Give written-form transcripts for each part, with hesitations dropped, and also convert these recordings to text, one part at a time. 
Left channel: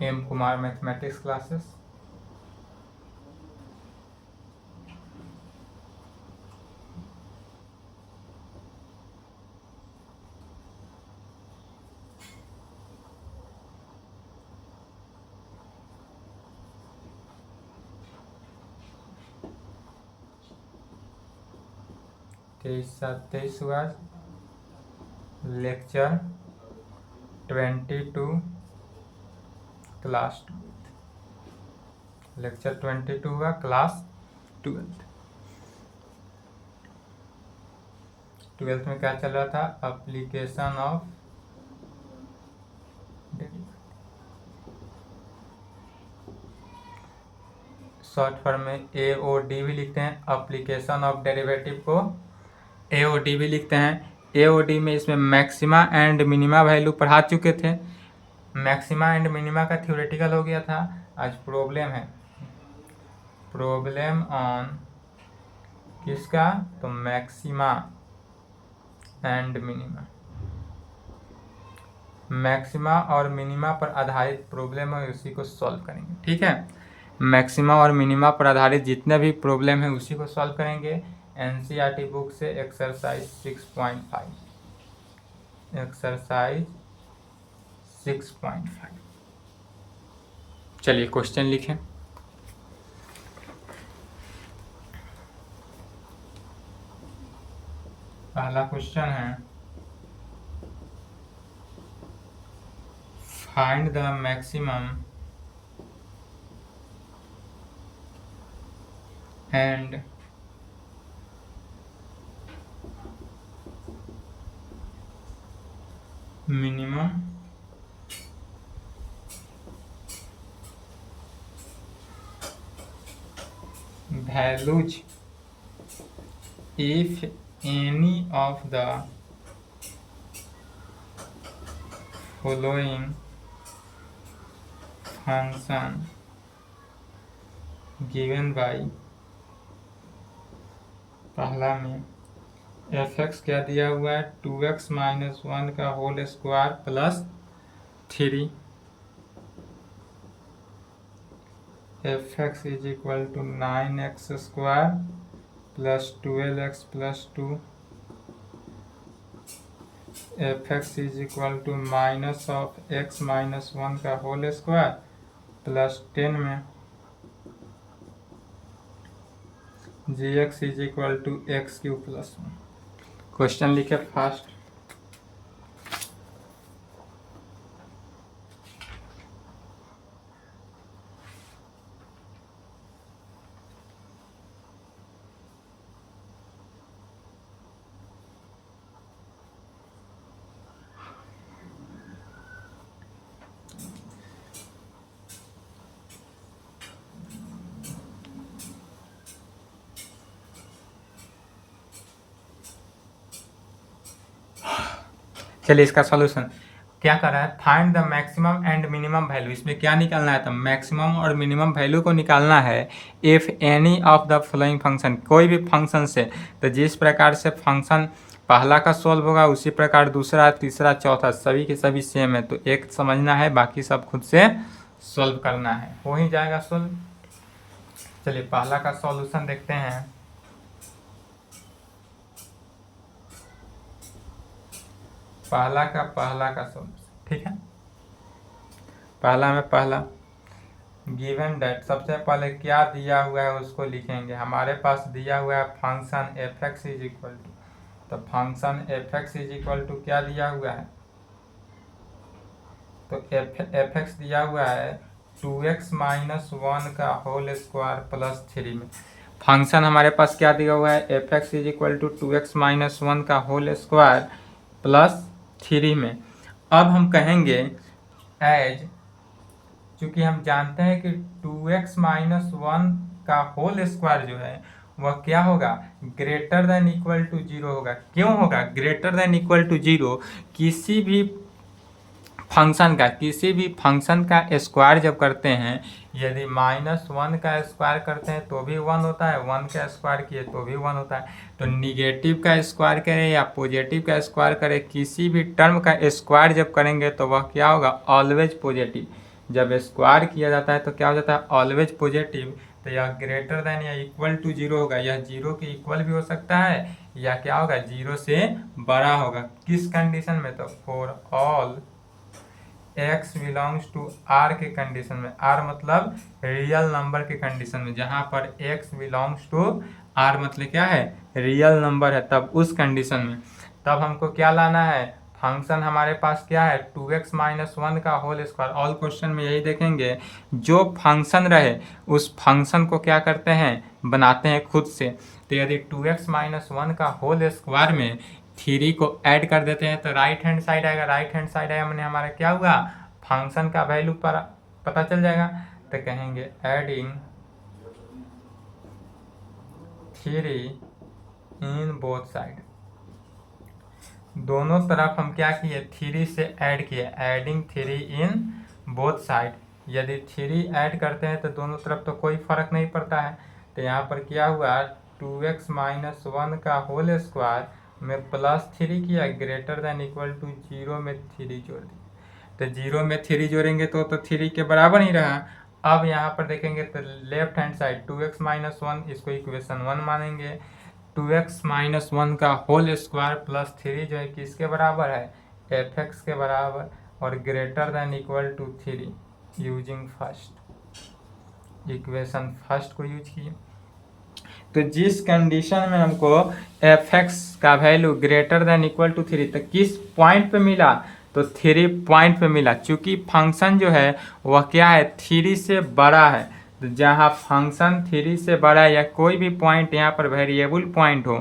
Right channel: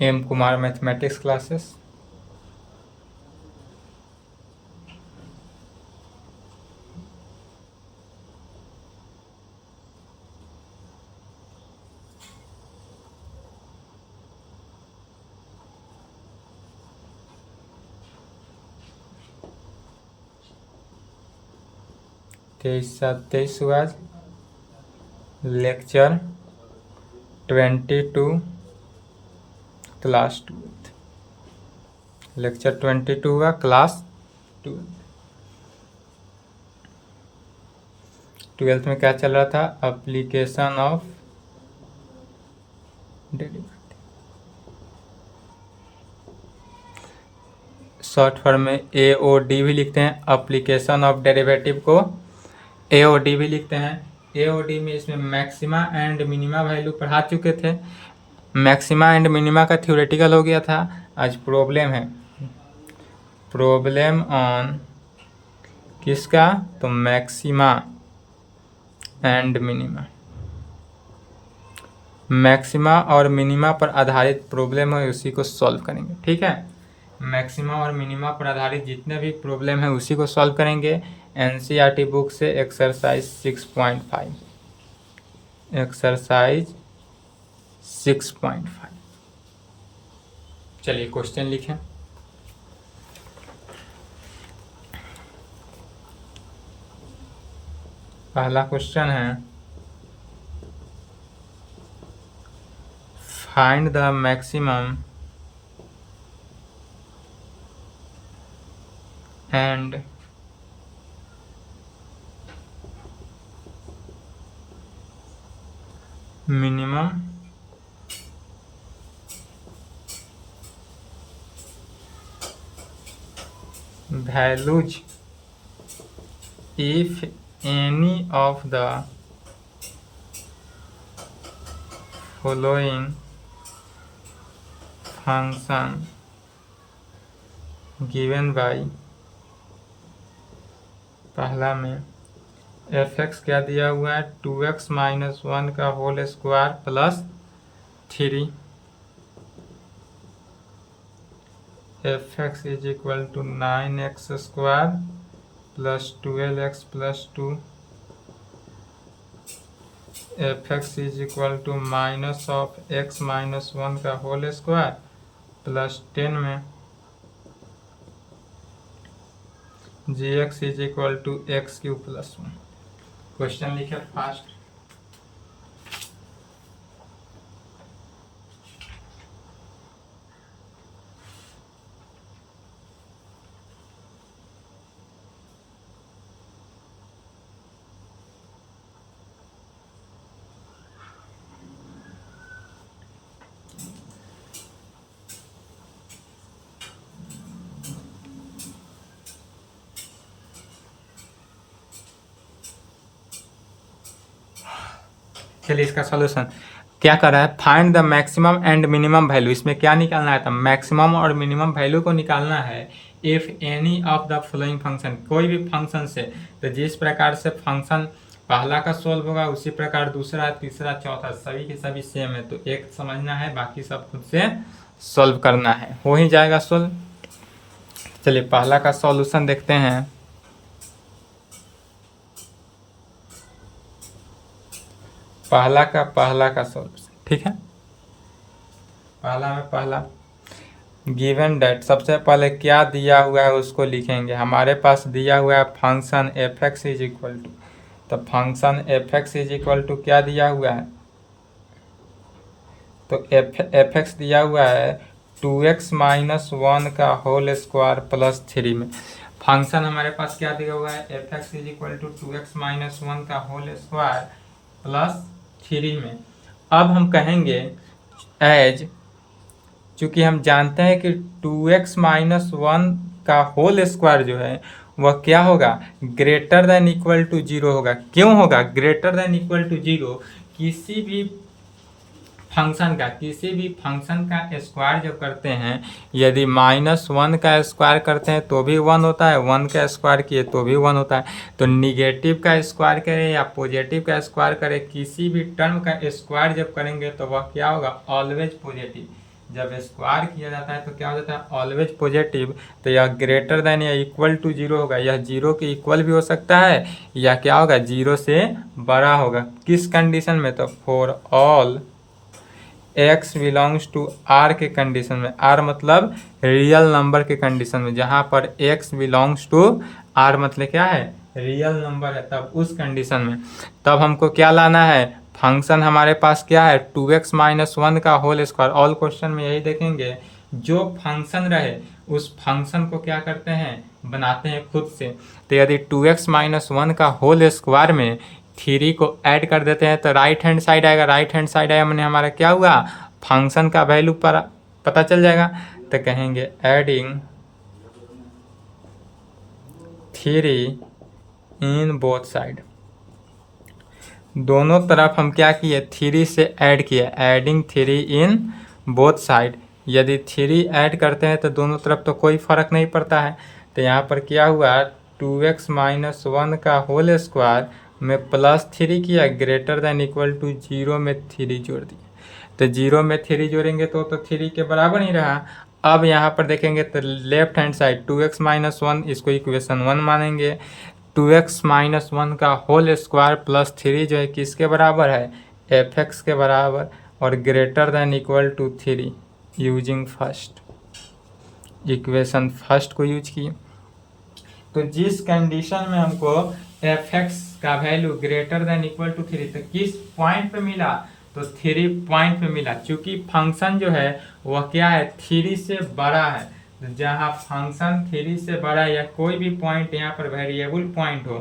M Kumar mathematics classes. तेईस 7 हुआ lecture 22 class 12। Lecture 22 हुआ क्लास 12। 12th में क्या चल रहा था? Application of derivative, short form में AOD भी लिखते हैं। एप्लीकेशन ऑफ डेरिवेटिव को AOD भी लिखते हैं। AOD में इसमें मैक्सिमा एंड मिनिमा वैल्यू पढ़ा चुके थे। मैक्सिमा एंड मिनिमा का थ्योरेटिकल हो गया था। आज प्रॉब्लम है, प्रॉब्लम ऑन किसका? तो मैक्सिमा एंड मिनिमा। मैक्सिमा और मिनिमा पर आधारित प्रॉब्लम है, उसी को सॉल्व करेंगे। ठीक है, मैक्सिमा और मिनिमा पर आधारित जितने भी प्रॉब्लम है उसी को सॉल्व करेंगे। NCERT बुक से एक्सरसाइज 6.5। एक्सरसाइज 6.5। चलिए क्वेश्चन लिखें। पहला क्वेश्चन है, find the maximum and minimum values if any of the following function given by, पहला में fx क्या दिया हुआ है? 2x - 1 का whole square plus 3। fx is equal to 9x square plus 12x plus 2। fx is equal to minus of x - 1 का whole square plus 10 में gx is equal to x³ plus 1। Question लिखे fast. चलिए इसका solution क्या कर रहा है? Find the maximum and minimum value. इसमें क्या निकालना है? तो मैक्सिमम और मिनिमम वैल्यू को निकालना है। If any of the following function, कोई भी फंक्शन से। तो जिस प्रकार से फंक्शन पहला का सॉल्व होगा उसी प्रकार दूसरा, तीसरा, चौथा सभी के सभी सेम है। तो एक समझना है, बाकी सब खुद से सॉल्व करना है, हो ही जाएगा सॉल्व। चलिए पहला का सॉल्यूशन देखते हैं। पहला का सॉल्यूशन, ठीक है। पहला में पहला गिवन डेट, सबसे पहले क्या दिया हुआ है उसको लिखेंगे। हमारे पास दिया हुआ है function fx is equal to, तो function fx is equal to क्या दिया हुआ है? तो fx दिया हुआ है 2x - 1 का होल स्क्वायर प्लस 3 में। फंक्शन हमारे पास क्या दिया हुआ है? fx is equal to 2x - 1 का होल स्क्वायर प्लस 3 में। अब हम कहेंगे एज, चूँकि हम जानते हैं कि 2x - 1 का होल स्क्वायर जो है वह क्या होगा? ग्रेटर देन इक्वल टू 0 होगा। क्यों होगा ग्रेटर देन इक्वल टू 0? किसी भी फंक्शन का स्क्वायर जब करते हैं, यदि -1 का स्क्वायर करते हैं तो भी 1 होता है, 1 का स्क्वायर किए तो भी 1 होता है। तो निगेटिव का स्क्वायर करें या पॉजिटिव का स्क्वायर करें, किसी भी टर्म का स्क्वायर जब करेंगे तो वह क्या होगा? Always positive. जब स्क्वायर किया जाता है तो क्या हो जाता है, ऑलवेज पॉजिटिव। तो यह ग्रेटर देन या इक्वल टू जीरो होगा, यह जीरो के इक्वल भी हो सकता है या क्या होगा, जीरो से बड़ा होगा। किस कंडीशन में, तो for all x belongs to r के कंडीशन में, r मतलब रियल नंबर के कंडीशन में, जहाँ पर x बिलोंग्स टू r मतलब क्या है, रियल नंबर है, तब उस कंडीशन में तब हमको क्या लाना है, फंक्शन हमारे पास क्या है 2x माइनस वन का होल स्क्वायर। ऑल क्वेश्चन में यही देखेंगे, जो फंक्शन रहे उस फंक्शन को क्या करते हैं, बनाते हैं खुद से। तो यदि 2x माइनस वन का होल स्क्वायर में 3 को ऐड कर देते हैं तो राइट हैंड साइड आएगा, राइट हैंड साइड आया मैंने हमारा क्या हुआ, फंक्शन का वैल्यू पर पता चल जाएगा। तो कहेंगे एडिंग 3 इन बोथ साइड, दोनों तरफ हम क्या किए, 3 से ऐड किए, एडिंग 3 इन बोथ साइड। यदि 3 ऐड करते हैं तो दोनों तरफ तो कोई फर्क नहीं पड़ता है। तो यहाँ पर क्या हुआ, 2x माइनस वन का होल स्क्वायर में +3 किया, ग्रेटर देन इक्वल टू 0 में 3 जोड़ दिया। तो 0 में 3 जोड़ेंगे तो 3 के बराबर ही रहा। अब यहाँ पर देखेंगे तो left hand side 2x minus one, इसको इक्वेशन 1 मानेंगे। 2x माइनस वन का होल स्क्वायर +3 जो है किसके बराबर है, fx के बराबर, और greater than equal to 3 using first, equation first को यूज किए। तो जिस कंडीशन में हमको fx का value greater than equal to 3, तो किस पॉइंट पे मिला, तो 3 पॉइंट पे मिला। चूंकि फंक्शन जो है वह क्या है, 3 से बड़ा है। तो जहाँ फंक्शन 3 से बड़ा है या कोई भी पॉइंट यहाँ पर वेरिएबल पॉइंट हो,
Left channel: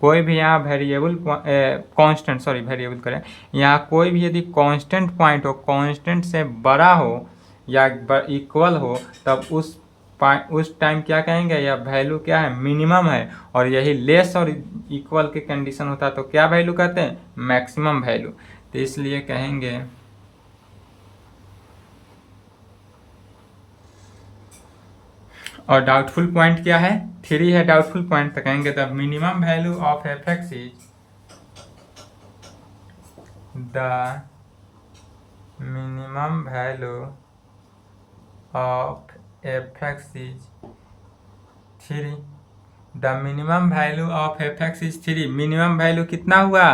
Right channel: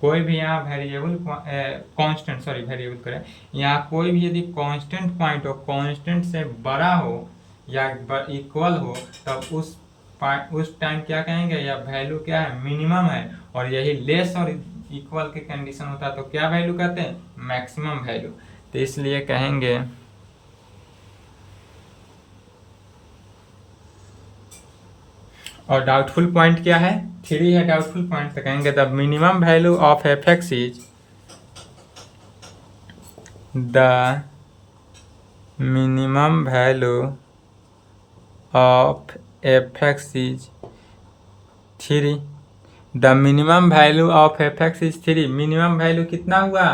कोई भी यहाँ वेरिएबल कांस्टेंट, सॉरी वेरिएबल करें, यहाँ कोई भी यदि कांस्टेंट पॉइंट हो, कांस्टेंट से बड़ा हो या इक्वल हो, तब उस टाइम क्या कहेंगे, या वैल्यू क्या है, मिनिमम है। और यही लेस और इक्वल के कंडीशन होता है तो क्या वैल्यू कहते हैं, मैक्सिमम वैल्यू। तो इसलिए कहेंगे और डाउटफुल पॉइंट क्या है, 3 है डाउटफुल पॉइंट, तो कहेंगे the minimum value of fx is, the minimum value of fx is 3, the minimum value of fx is 3। Minimum value कितना हुआ,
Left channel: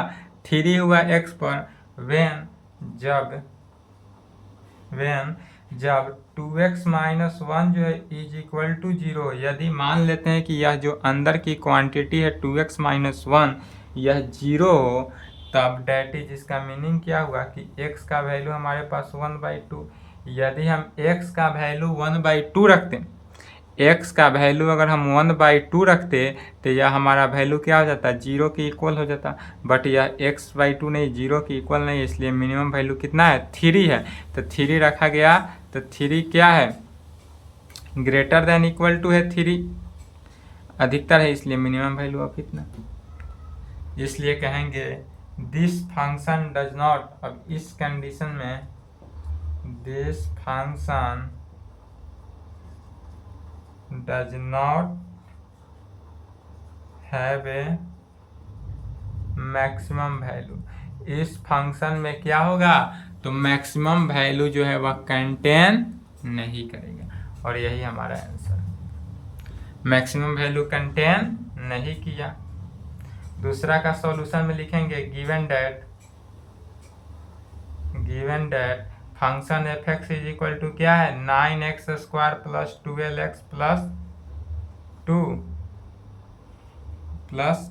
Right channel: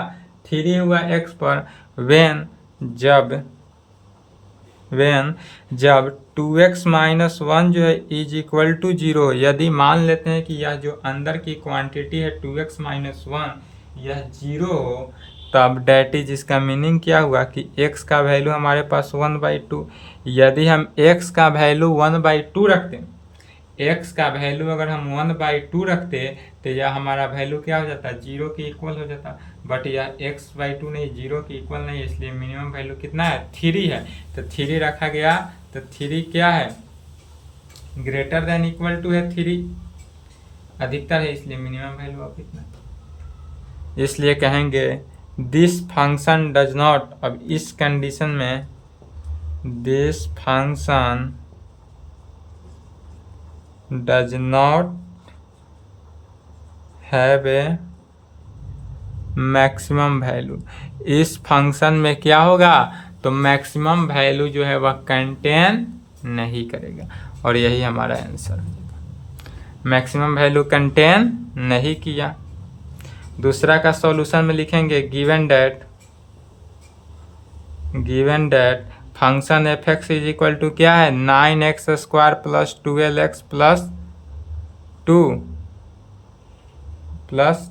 3 हुआ x पर, वेन जब 2x माइनस वन जो है इज इक्वल टू 0। यदि मान लेते हैं कि यह जो अंदर की क्वांटिटी है 2x माइनस वन यह 0 हो, तब डेट इज, इसका मीनिंग क्या हुआ कि x का वैल्यू हमारे पास 1/2। यदि हम x का वैल्यू 1/2 रखते, x का वैल्यू अगर हम 1/2 रखते तो यह हमारा वैल्यू क्या हो जाता, 0 के इक्वल हो जाता। बट यह x/2 नहीं, 0 के इक्वल नहीं, इसलिए मिनिमम वैल्यू कितना है, 3 है। तो 3 रखा गया, तो 3 क्या है, ग्रेटर देन इक्वल टू है 3, अधिकतर है, इसलिए मिनिमम वैल्यू अब कितना। इसलिए कहेंगे दिस फंक्शन डज नॉट, अब इस कंडीशन में this function does not have a maximum value. इस फंक्शन में क्या होगा, तो मैक्सिमम वैल्यू जो है वह कंटेन नहीं करेगा, और यही हमारा आंसर, मैक्सिमम वैल्यू कंटेन नहीं किया। दूसरा का सॉल्यूशन में लिखेंगे given that function fx is equal to क्या है, 9x square plus 12x plus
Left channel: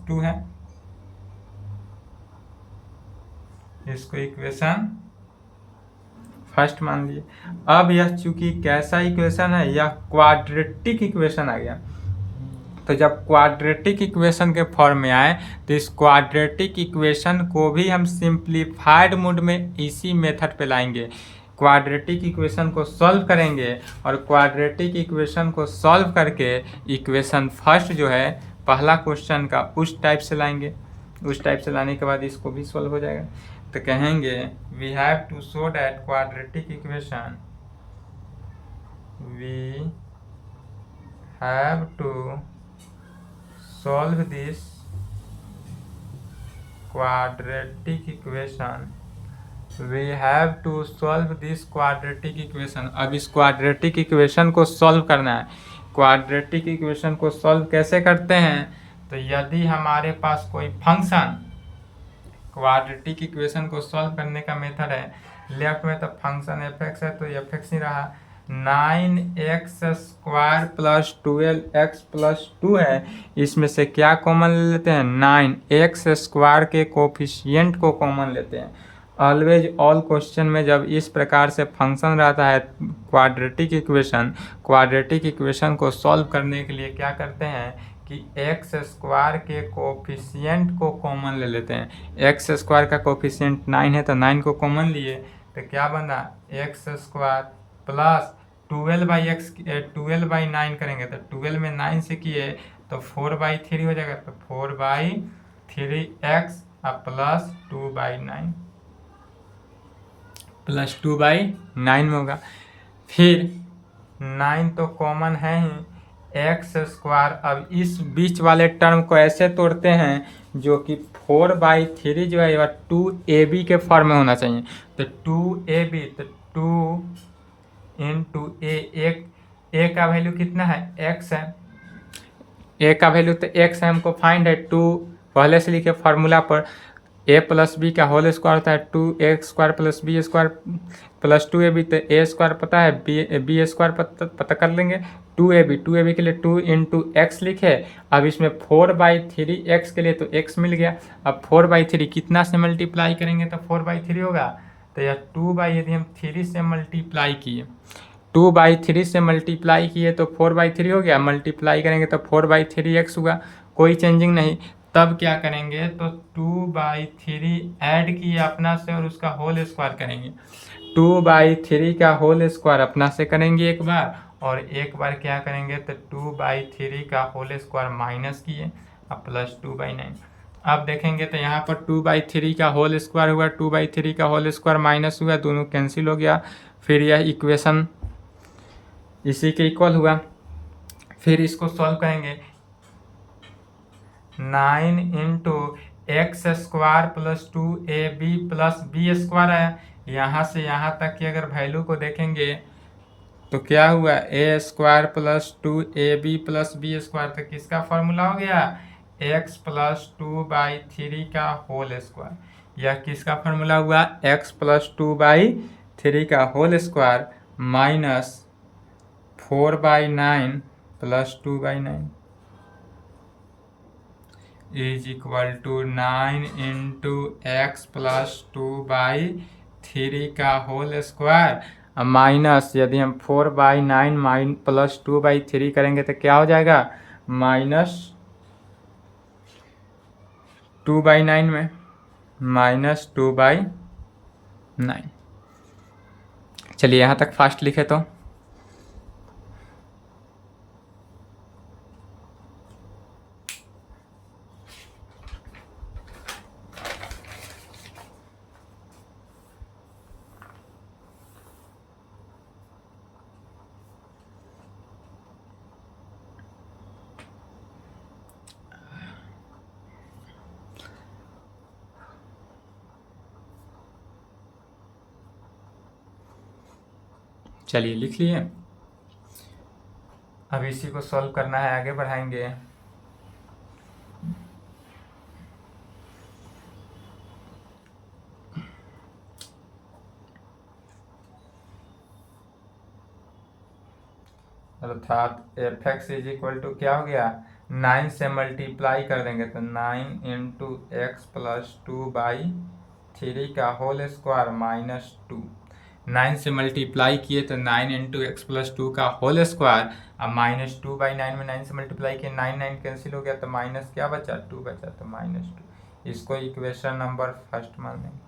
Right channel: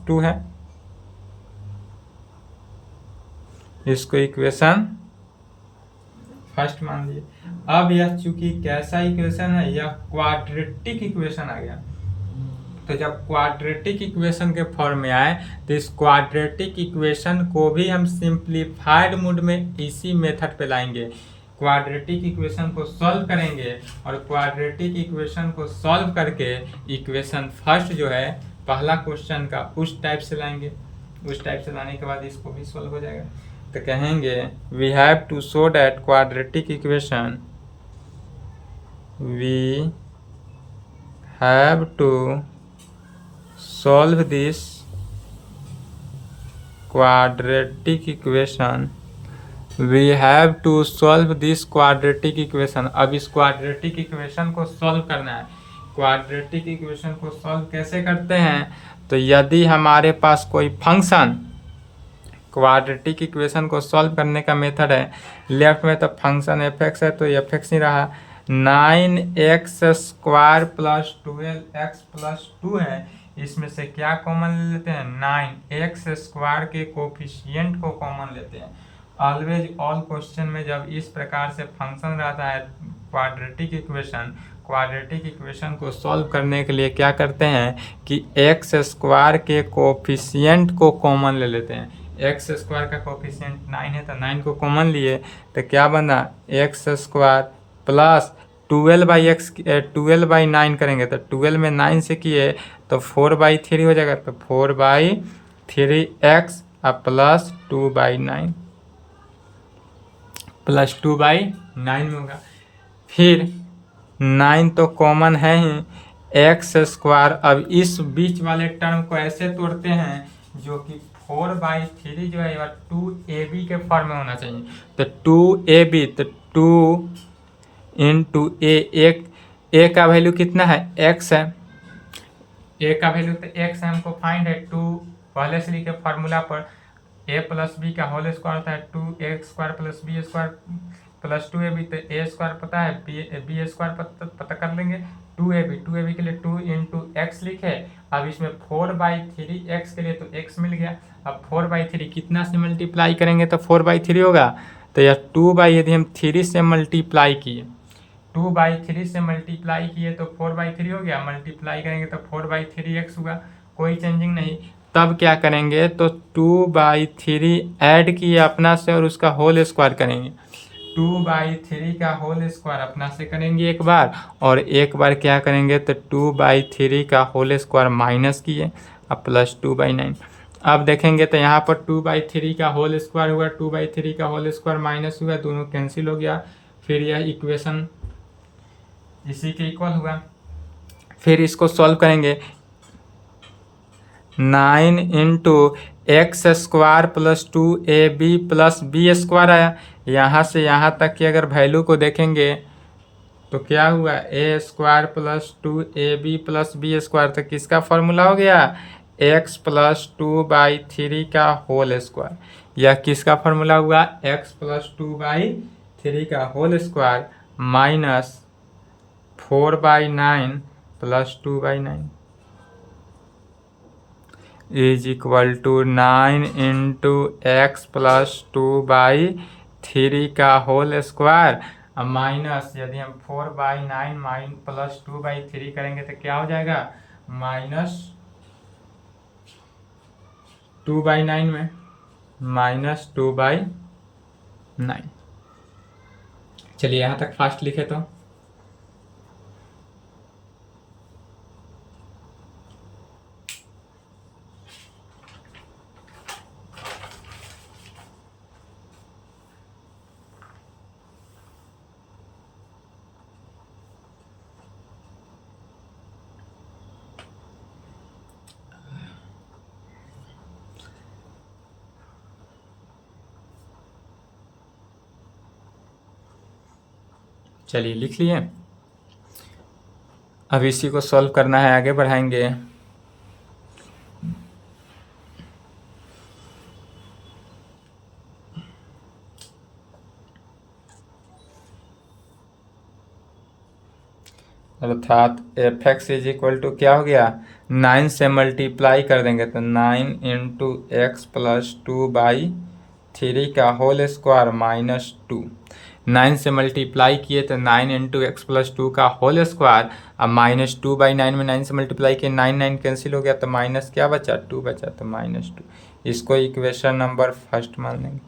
2 है, इसको इक्वेशन फर्स्ट मान लिए। अब यह चूंकि कैसा इक्वेशन है, यह क्वाड्रेटिक इक्वेशन आ गया। तो जब क्वाड्रेटिक इक्वेशन के फॉर्म में आए तो इस क्वाड्रेटिक इक्वेशन को भी हम सिंप्लीफाइड मोड में इसी मेथड पे लाएंगे। क्वाड्रेटिक इक्वेशन को सॉल्व करेंगे और क्वाड्रेटिक इक्वेशन को सॉल्व करके इक्वेशन फर्स्ट जो है पहला क्वेश्चन का उस टाइप से लाएंगे। उस टाइप से लाने के बाद इसको भी सॉल्व हो जाएगा। तो कहेंगे we have to show that quadratic equation, we have to solve this quadratic equation we have to solve this quadratic equation. अब इस क्वाड्रेटिक इक्वेशन को सॉल्व करना है। क्वाड्रेटिक इक्वेशन को सॉल्व कैसे करते हैं? तो यदि हमारे पास कोई फंक्शन, क्वाड्रेटिक इक्वेशन को सॉल्व करने का मेथड है, लेफ्ट में तो फंक्शन एफ एक्स है तो एफ एक्स ही रहा, 9x² प्लस 12x प्लस 2 है, इसमें से क्या कॉमन ले लेते हैं? 9x² के कोफिशिएंट को कॉमन लेते हैं। ऑलवेज ऑल क्वेश्चन में जब इस प्रकार से फंक्शन रहता है क्वाड्रेटिक इक्वेशन को सॉल्व करने के लिए क्या करते हैं कि x² के कोफिशिएंट को कॉमन ले लेते हैं। x² का कोफिशिएंट 9 है तो 9 को कॉमन लिए तो क्या बना? x² प्लस 12/9 करेंगे तो 12 में 9 से किए तो 4/3 हो जाएगा, तो 4/3x प्लस 2/9 प्लस 2/9 में होगा। फिर 9 तो कॉमन है ही, x²। अब इस बीच वाले टर्म को ऐसे तोड़ते हैं जो कि 4/3 जो है 2ab के फॉर्म में होना चाहिए, तो 2ab, तो 2 इंटू ए का वैल्यू कितना है? x है, ए का वैल्यू तो x है, हमको फाइंड है 2, पहले से लिखे फार्मूला पर a प्लस बी का होल स्क्वायर होता है 2x² plus b² plus 2ab, तो a² पता है, b² पता कर लेंगे, 2ab के लिए 2 इंटू एक्स लिखे। अब इसमें 4/3x के लिए तो x मिल गया। अब 4/3 कितना से मल्टीप्लाई करेंगे तो 4/3 होगा, तो यह 2 यदि हम 3 से मल्टीप्लाई किए, 2/3 से मल्टीप्लाई किए तो 4/3 हो गया, मल्टीप्लाई करेंगे तो 4/3x हुआ, कोई चेंजिंग नहीं। तब क्या करेंगे तो 2/3 ऐड किए अपना से और उसका होल स्क्वायर करेंगे, 2/3 का होल स्क्वायर अपना से करेंगे एक बार, और एक बार क्या करेंगे तो 2/3 का होल स्क्वायर माइनस किए अब प्लस 2/9। अब देखेंगे तो यहाँ पर 2/3 का होल स्क्वायर हुआ, 2/3 का होल स्क्वायर माइनस हुआ, दोनों कैंसिल हो गया, फिर यह इक्वेशन इसी के इक्वल हुआ। फिर इसको सॉल्व करेंगे, 9 into x² plus 2ab plus b² आया। यहाँ से यहाँ तक की अगर वैल्यू को देखेंगे तो क्या हुआ? a² plus 2ab plus b², तो किसका फॉर्मूला हो गया? x प्लस 2/3 का होल स्क्वायर। यह किसका फॉर्मूला हुआ? x प्लस 2/3 का whole square minus 4/9 plus 2/9 is equal to 9 into x plus 2/3 का होल स्क्वायर माइनस, यदि हम 4/9 प्लस 2/3 करेंगे तो क्या हो जाएगा? माइनस 2/9 में माइनस 2/9। चलिए यहाँ तक फास्ट लिखे तो चलिए लिख लिए। अब इसी को सॉल्व करना है, आगे बढ़ाएंगे। अर्थात f x is equal to क्या हो गया? 9 से मल्टीप्लाई कर देंगे तो 9 इंटू एक्स प्लस 2/3 का होल स्क्वायर माइनस 2। 9 से मल्टीप्लाई किए तो 9 इंटू एक्स प्लस 2 का होल स्क्वायर, अब माइनस 2/9 में 9 से मल्टीप्लाई किए, 9 कैंसिल हो गया तो माइनस क्या बचा? 2 बचा, तो -2। इसको इक्वेशन नंबर फर्स्ट मान लेंगे,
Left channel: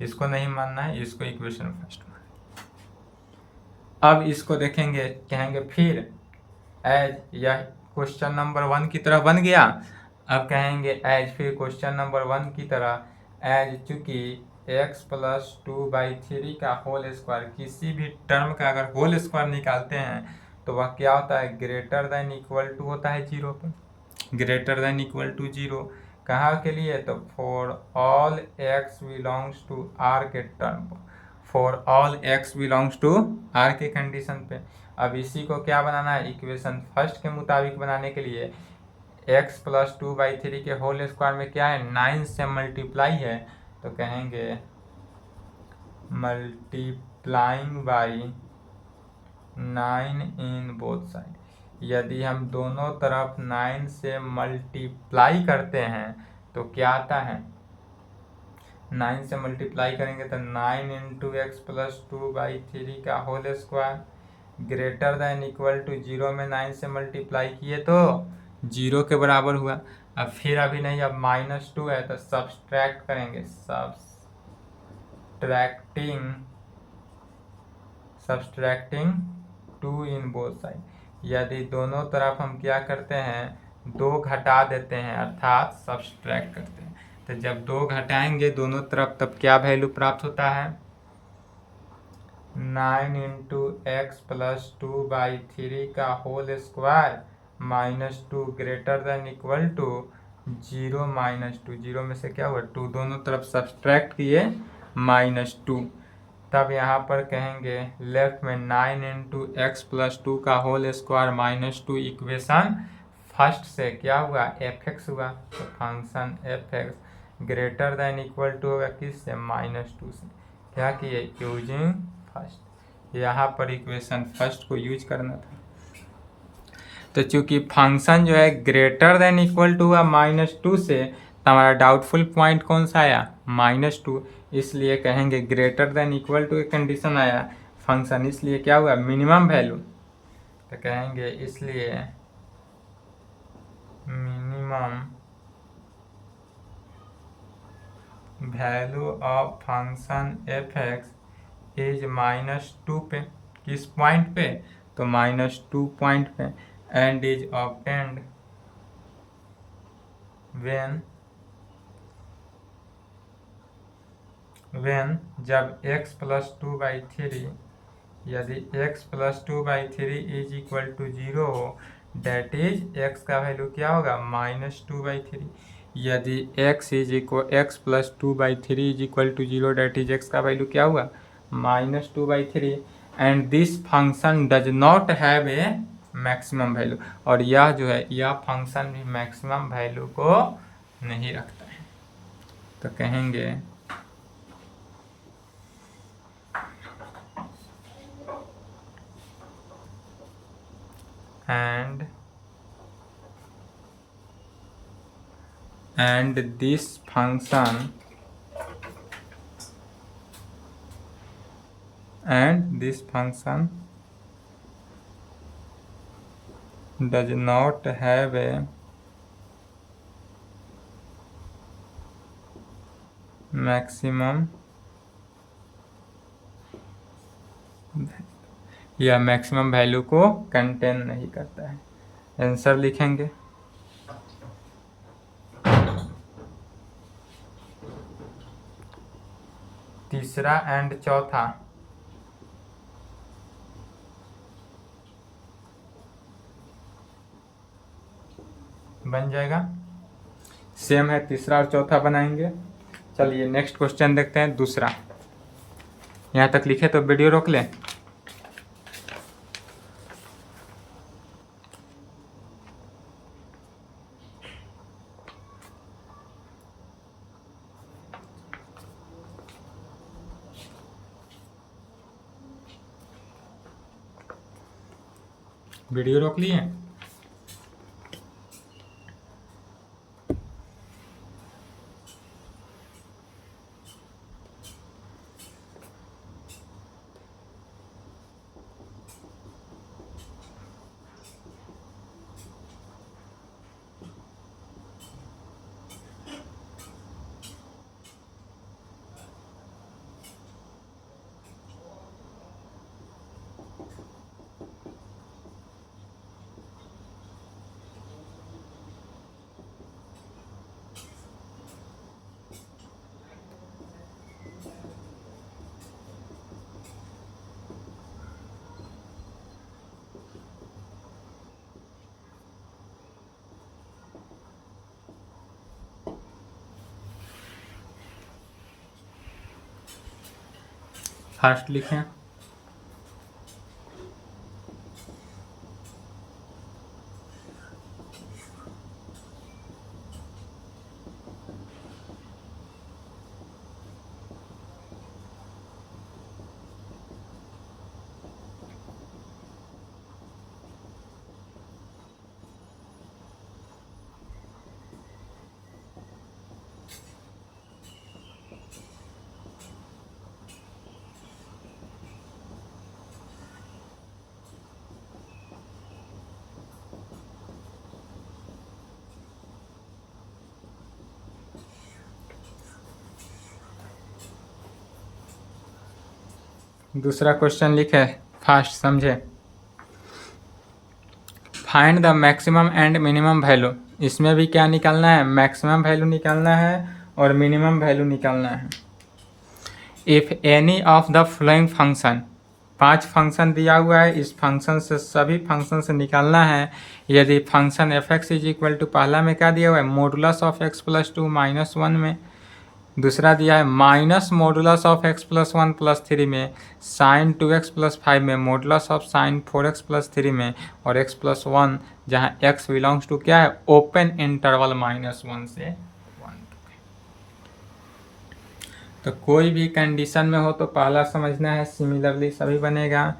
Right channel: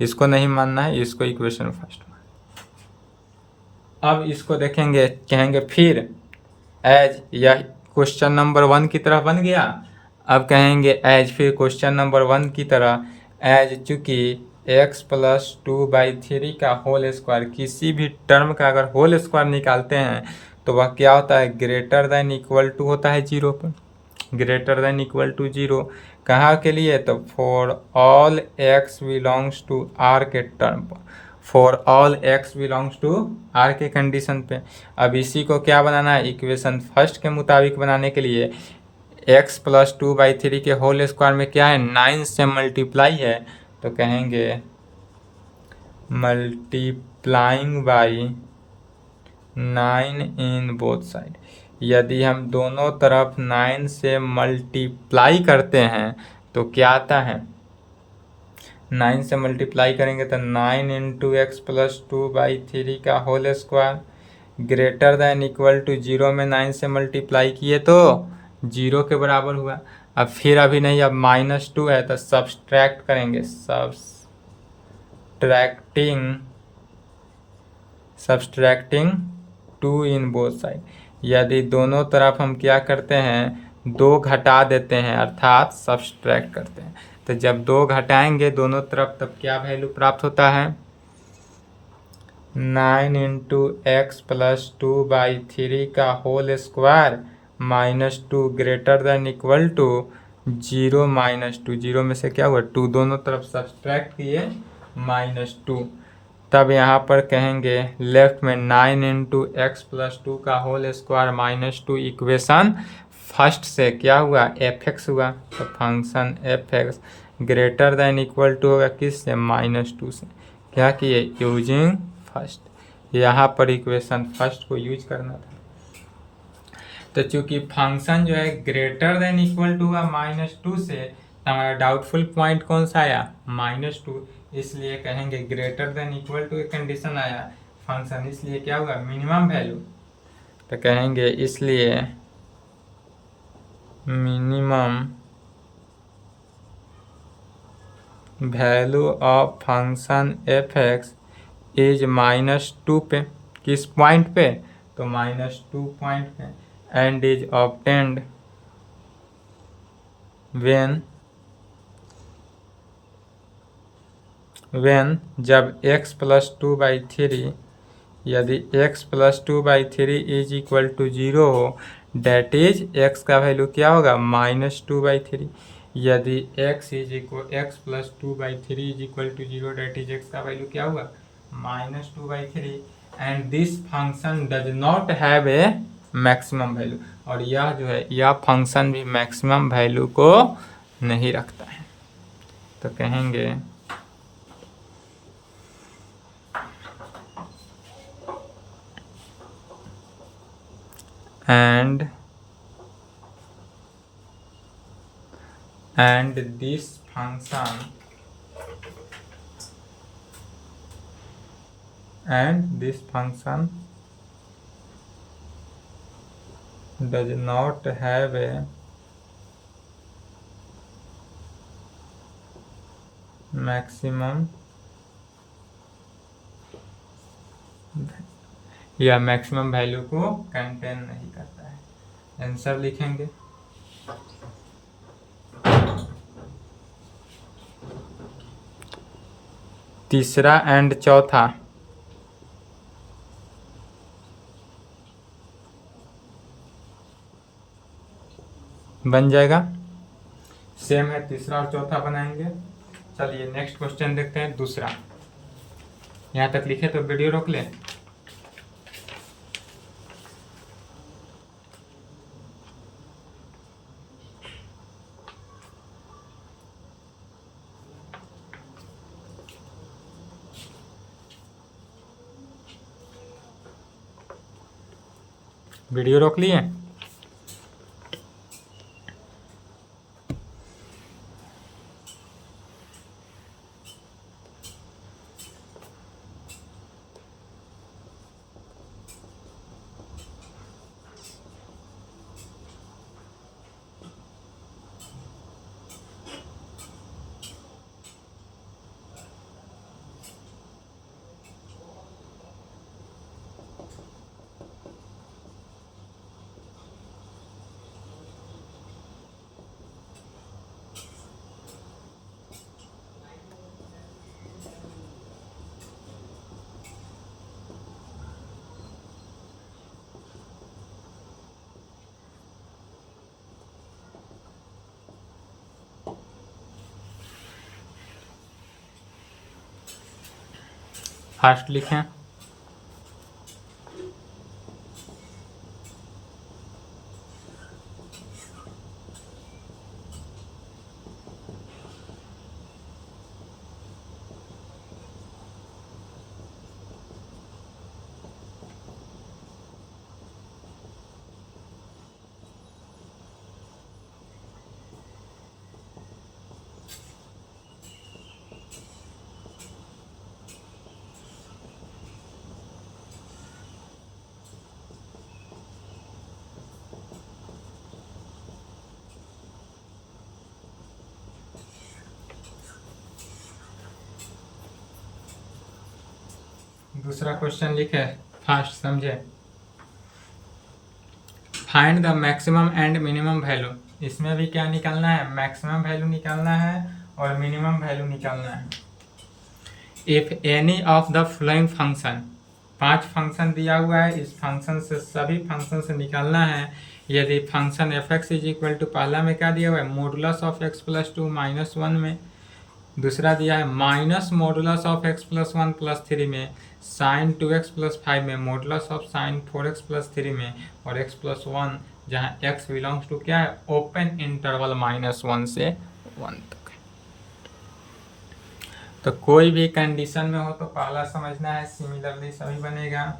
इसको नहीं मानना है, इसको इक्वेशन फर्स्ट मान। अब इसको देखेंगे, कहेंगे फिर एज, यह क्वेश्चन नंबर 1 की तरह बन गया। अब कहेंगे एज, फिर क्वेश्चन नंबर 1 की तरह एज, चूँकि x प्लस 2/3 का होल स्क्वायर, किसी भी टर्म का अगर होल स्क्वायर निकालते हैं तो वह क्या होता है? ग्रेटर देन इक्वल टू होता है 0 पर, ग्रेटर देन इक्वल टू 0। कहाँ के लिए? तो for all x belongs to R के टर्म पर, for all x belongs to R के कंडीशन पे। अब इसी को क्या बनाना है? इक्वेशन फर्स्ट के मुताबिक बनाने के लिए एक्स प्लस 2/3 के होल स्क्वायर में क्या है? 9 से मल्टीप्लाई है, तो कहेंगे multiplying by 9 in both side. यदि हम दोनों तरफ 9 से मल्टीप्लाई करते हैं तो क्या आता है? 9 से मल्टीप्लाई करेंगे तो 9 इंटू एक्स प्लस 2/3 का whole square greater than equal to 0 में 9 से मल्टीप्लाई किए तो 0 के बराबर हुआ। अब फिर अभी नहीं, अब -2 है तो सब्सट्रैक्ट करेंगे, सब्सट्रैक्टिंग 2 इन बोथ साइड। यदि दोनों तरफ हम क्या करते हैं? 2 घटा देते हैं, अर्थात सब्सट्रैक्ट करते हैं, तो जब 2 घटाएंगे दोनों तरफ तब क्या वैल्यू प्राप्त होता है? 9 इंटू एक्स प्लस 2/3 का whole square -2 greater than equal to 0 -2। 0 में से क्या हुआ? 2, दोनों तरफ सब्सट्रैक्ट किए -2। तब यहाँ पर कहेंगे लेफ्ट में 9 इंटू एक्स प्लस 2 का होल स्क्वायर -2 इक्वेशन फर्स्ट से क्या हुआ? एफ एक्स हुआ, तो function F x greater than equal to होगा किस से? -2 से। क्या किए? Using first. यहाँ पर इक्वेशन फर्स्ट को यूज करना था। तो चूंकि फंक्शन जो है ग्रेटर देन इक्वल टू हुआ -2 से, तो हमारा डाउटफुल पॉइंट कौन सा आया? -2। इसलिए कहेंगे ग्रेटर देन इक्वल टू एक कंडीशन आया फंक्शन, इसलिए क्या हुआ? Minimum value. तो कहेंगे इसलिए minimum value of function F x is -2 पे। किस पॉइंट पे? तो -2 पॉइंट पे। एंड इज ऑब्टेन्ड वेन जब x प्लस 2/3, यदि x plus 2/3 is equal to 0 हो, डेट इज x का वैल्यू क्या होगा? -2/3। यदि x plus 2/3 is equal to 0, date is x का वैल्यू क्या हुआ? -2/3। And this function does not have a maximum value, और यह जो है यह फंक्शन भी मैक्सिमम वैल्यू को नहीं रखता है। तो कहेंगे and this function does not have a maximum, या मैक्सिमम वैल्यू को कंटेन नहीं करता है। आंसर लिखेंगे तीसरा एंड चौथा बन जाएगा, सेम है, तीसरा और चौथा बनाएंगे। चलिए नेक्स्ट क्वेश्चन देखते हैं, दूसरा। यहाँ तक लिखे तो वीडियो रोक लें। वीडियो रोक लिए? फास्ट लिखें। दूसरा क्वेश्चन लिखे, फास्ट समझे। Find the maximum and minimum value. इसमें भी क्या निकालना है, मैक्सिमम वैल्यू निकालना है और मिनिमम वैल्यू निकालना है। If any of the following function, 5 function दिया हुआ है, इस फंक्शन से सभी फंक्शन से निकालना है। यदि function F x is equal to, पहला में क्या दिया हुआ है, मॉडुलस ऑफ एक्स प्लस 2 -1 में। दूसरा दिया है minus modulus of x plus 1 plus 3 में, साइन 2x प्लस 5 में, modulus of sine 4x plus 3 में, और x प्लस 1 जहाँ x बिलोंग्स टू क्या है, ओपन इंटरवल -1 से 1 तक। तो कोई भी कंडीशन में हो तो पहला समझना है, सिमिलरली सभी बनेगा।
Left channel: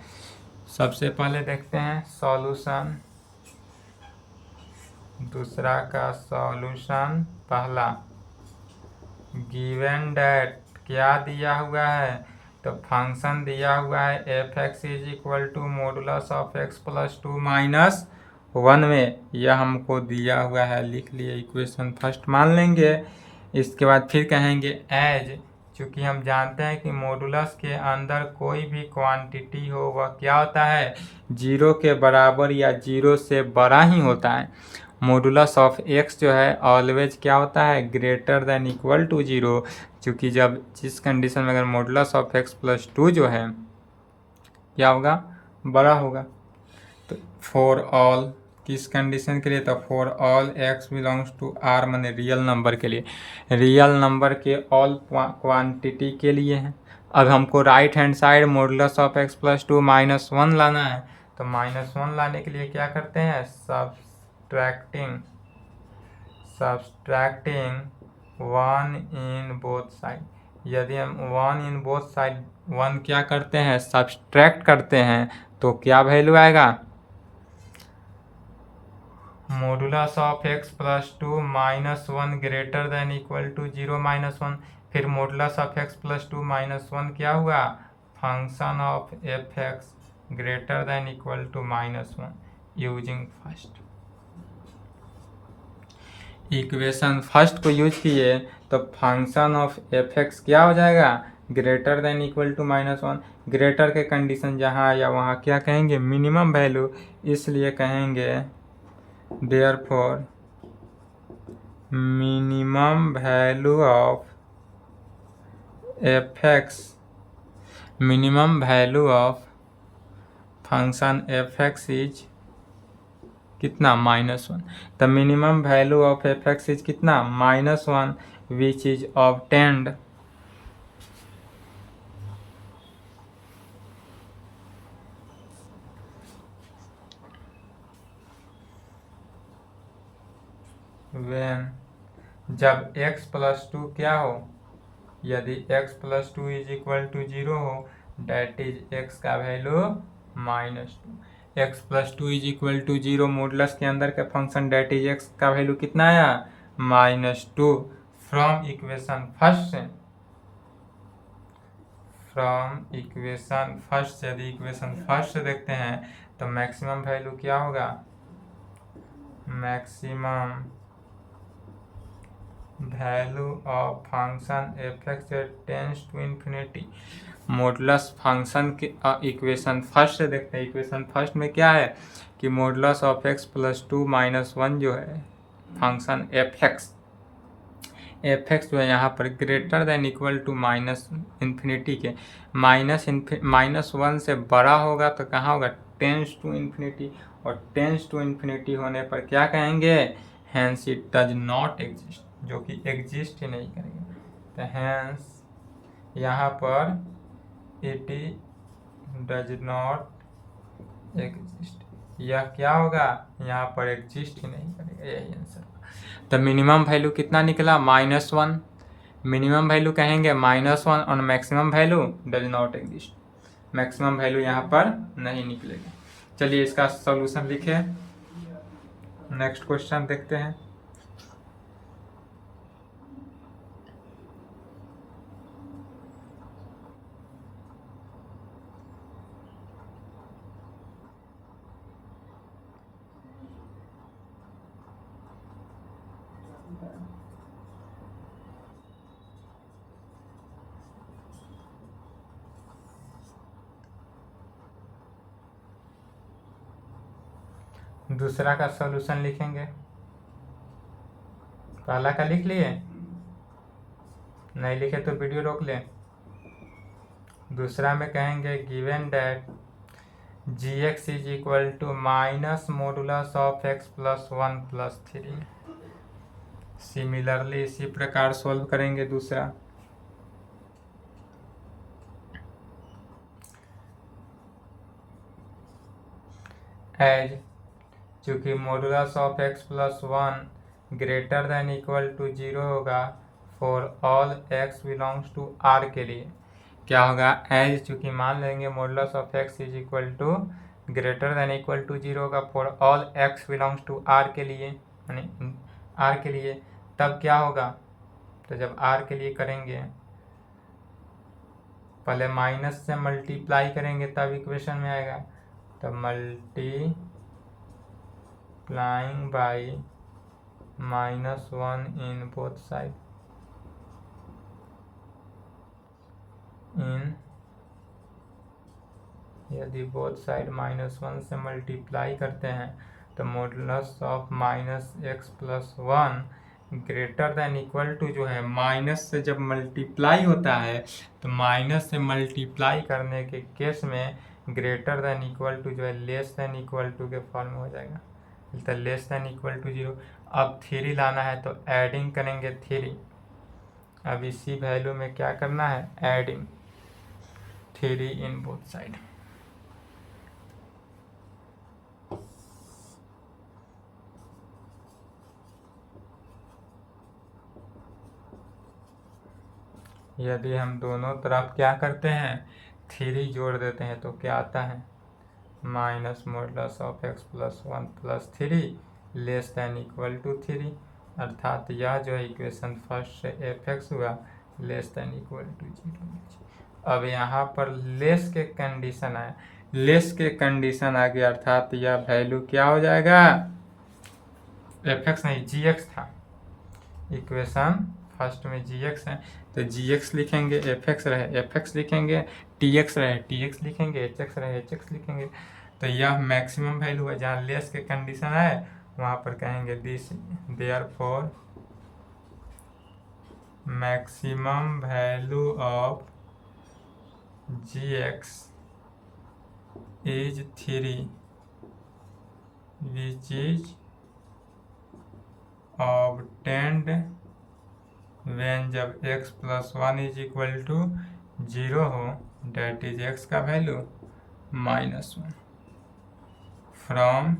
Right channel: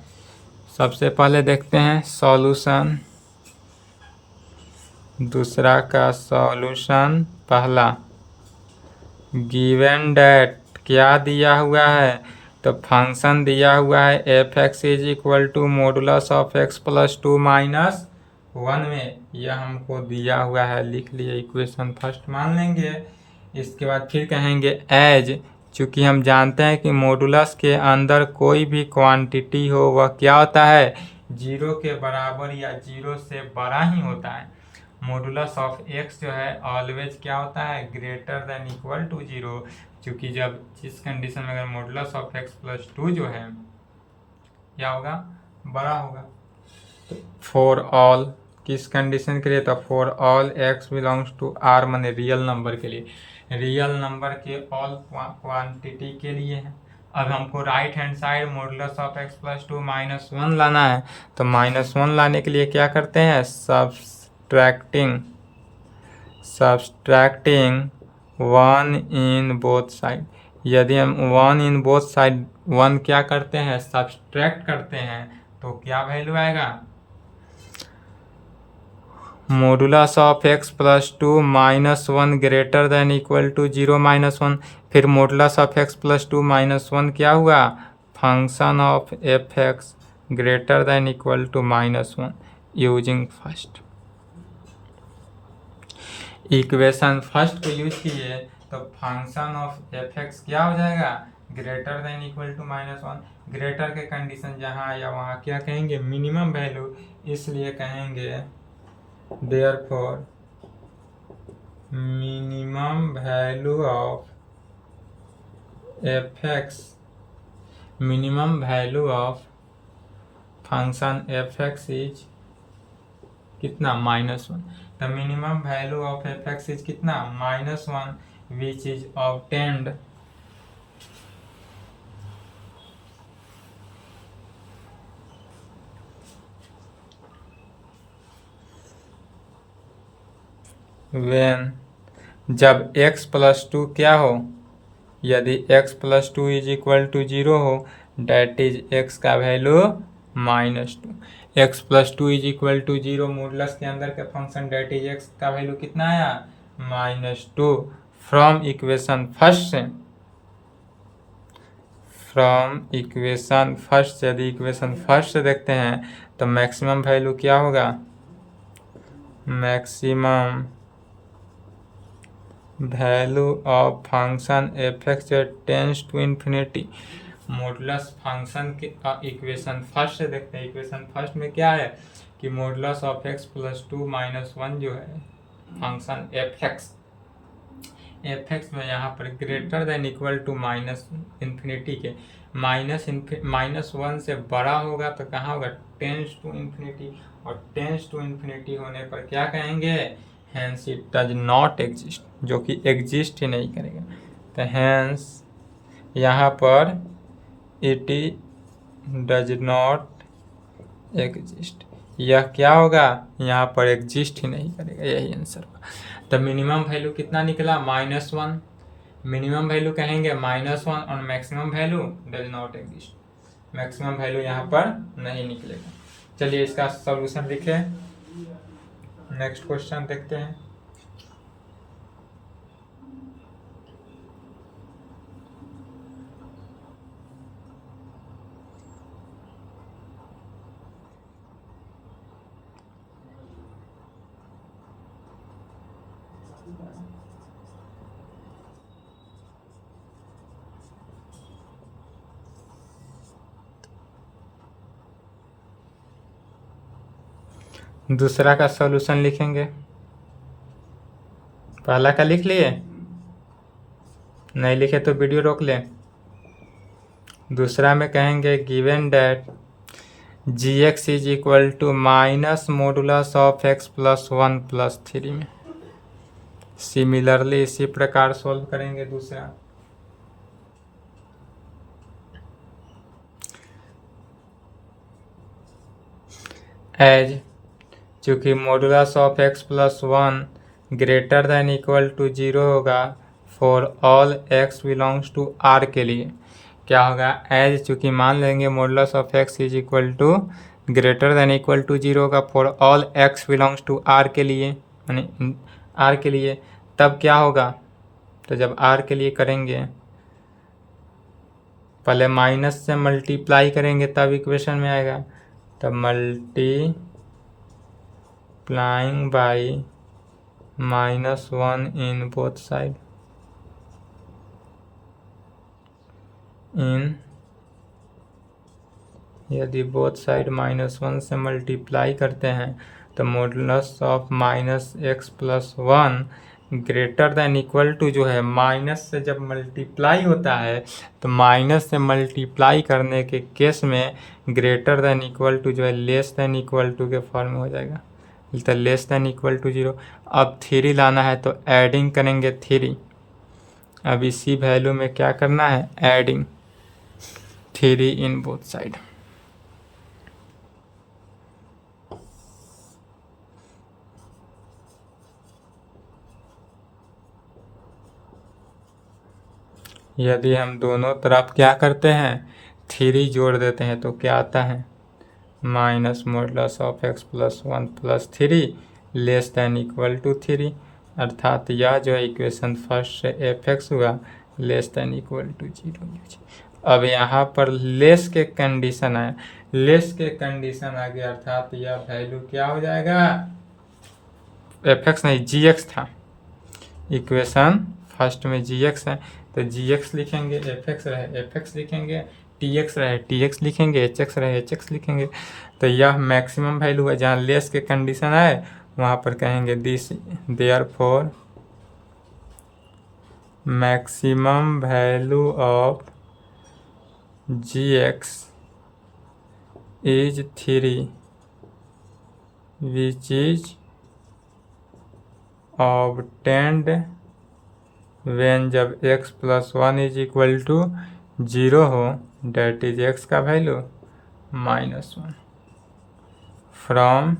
सबसे पहले देखते हैं सॉल्यूशन, दूसरा का सॉल्यूशन, पहला गिवन डेट क्या दिया हुआ है, तो फंक्शन दिया हुआ है F x is equal to modulus of x plus 2 -1 में, यह हमको दिया हुआ है, लिख लिए, इक्वेशन फर्स्ट मान लेंगे। इसके बाद फिर कहेंगे एज, चूँकि हम जानते हैं कि मॉडुलस के अंदर कोई भी क्वांटिटी हो वह क्या होता है, 0 के बराबर या 0 से बड़ा ही होता है। मॉडुलस ऑफ एक्स जो है ऑलवेज क्या होता है, ग्रेटर देन इक्वल टू 0, क्योंकि जब जिस कंडीशन में अगर मॉडुलस ऑफ एक्स प्लस 2 जो है क्या होगा, बड़ा होगा। तो फॉर ऑल, किस कंडीशन के लिए, तो for all x belongs to R, माने रियल नंबर के लिए, रियल नंबर के ऑल क्वांटिटी के लिए है। अब हमको right hand side modulus of x plus 2 -1 लाना है, तो -1 लाने के लिए क्या करते हैं, सब्सट्रैक्टिंग 1 इन बोथ साइड। यदि हम 1 इन बोथ साइड 1 क्या करते हैं, सब्सट्रैक्ट करते हैं, तो क्या वैल्यू आएगा, modulus of x plus 2 -1 greater than equal to 0 -1। फिर मॉडुलस ऑफ एक्स प्लस 2 -1 क्या हुआ, function of f x greater than equal to -1 using first. Equation first को यूज किए तो फंक्शन ऑफ एफ एक्स क्या हो जाएगा, greater than equal to -1। Greater के कंडीशन जहाँ आया वहाँ क्या कहेंगे, मिनिमम वैल्यू, इसलिए कहेंगे therefore minimum value of f x, minimum value of function F x is कितना, -1। The minimum value of f x is कितना, -1, विच इज ऑब्टेन्ड व्हेन, जब x प्लस 2 क्या हो, यदि x plus 2 is equal to 0 हो, that is x का value -2। x plus 2 is equal to 0, modulus के अंदर का फंक्शन डेट इज x का वैल्यू कितना आया, -2। फ्रॉम इक्वेशन फर्स्ट से, फ्रॉम इक्वेशन फर्स्ट, यदि इक्वेशन फर्स्ट से देखते हैं तो मैक्सिमम वैल्यू क्या होगा, maximum value of function F x tends to infinity, modulus function के इक्वेशन फर्स्ट से देखते हैं। इक्वेशन फर्स्ट में क्या है कि मॉडुलस ऑफ एक्स प्लस 2 -1 जो है फंक्शन एफ एक्स जो है यहाँ पर greater than equal to infinity के, -1 से बड़ा होगा तो कहाँ होगा, टेंस टू इन्फिनिटी, और टेंस टू इन्फिनिटी होने पर क्या कहेंगे, hence it does not exist, जो कि एग्जिस्ट ही नहीं करेगा। तो हैंस यहाँ पर इट डज नॉट एग्जिस्ट। यह क्या होगा, यहाँ पर एग्जिस्ट ही नहीं करेगा, यही आंसर होगा। तो मिनिमम वैल्यू कितना निकला, -1। मिनिमम वैल्यू कहेंगे -1 और maximum value does not exist. Maximum value यहाँ पर नहीं निकलेगा। चलिए इसका सॉल्यूशन लिखे, नेक्स्ट क्वेश्चन देखते हैं। दूसरा का सॉल्यूशन लिखेंगे। पहला का लिख लिए, नहीं लिखे तो वीडियो रोक लें। दूसरा में कहेंगे given that gx is equal to minus modulus of x plus 1 plus 3 में। सिमिलरली इसी प्रकार सॉल्व करेंगे दूसरा। एज चूँकि modulus of x plus 1 greater than equal to 0 होगा for all x belongs to r के लिए, क्या होगा, एज चूँकि मान लेंगे modulus of x is equal to greater than equal to 0 होगा for all x belongs to r के लिए, यानी r के लिए, तब क्या होगा, तो जब r के लिए करेंगे पहले माइनस से मल्टीप्लाई करेंगे तब इक्वेशन में आएगा, तब multiplying by -1 in both side in, यदि बोथ साइड -1 से मल्टीप्लाई करते हैं तो modulus of -x plus 1 greater than equal to, जो है माइनस से जब मल्टीप्लाई होता है तो माइनस से मल्टीप्लाई करने के केस में ग्रेटर देन इक्वल टू जो है लेस देन इक्वल टू के फॉर्म में हो जाएगा, तो लेस देन इक्वल टू 0। अब 3 लाना है तो एडिंग करेंगे 3। अब इसी वैल्यू में क्या करना है, एडिंग 3 इन बोथ साइड। यदि हम दोनों तरफ क्या करते हैं, 3 जोड़ देते हैं तो क्या आता है, minus modulus of x plus 1 plus 3 less than equal to 3, अर्थात यह जो है इक्वेशन फर्स्ट से f(x) हुआ लेस देन इक्वल टू 0। अब यहाँ पर लेस के कंडीशन आए, लेस के कंडीशन आ गया, अर्थात यह वैल्यू क्या हो जाएगा, f(x) नहीं g(x) था, इक्वेशन फर्स्ट में gx है तो gx लिखेंगे, f(x) रहे f(x) लिखेंगे, tx रहे tx लिखेंगे, hx रहे hx लिखेंगे। तो यह मैक्सिमम वैल्यू है, जहाँ लेस के कंडीशन आए वहाँ पर कहेंगे this therefore maximum value of gx is 3 which is obtained when जब x plus 1 is equal to 0 हो, डेट इज x का वैल्यू -1 फ्रॉम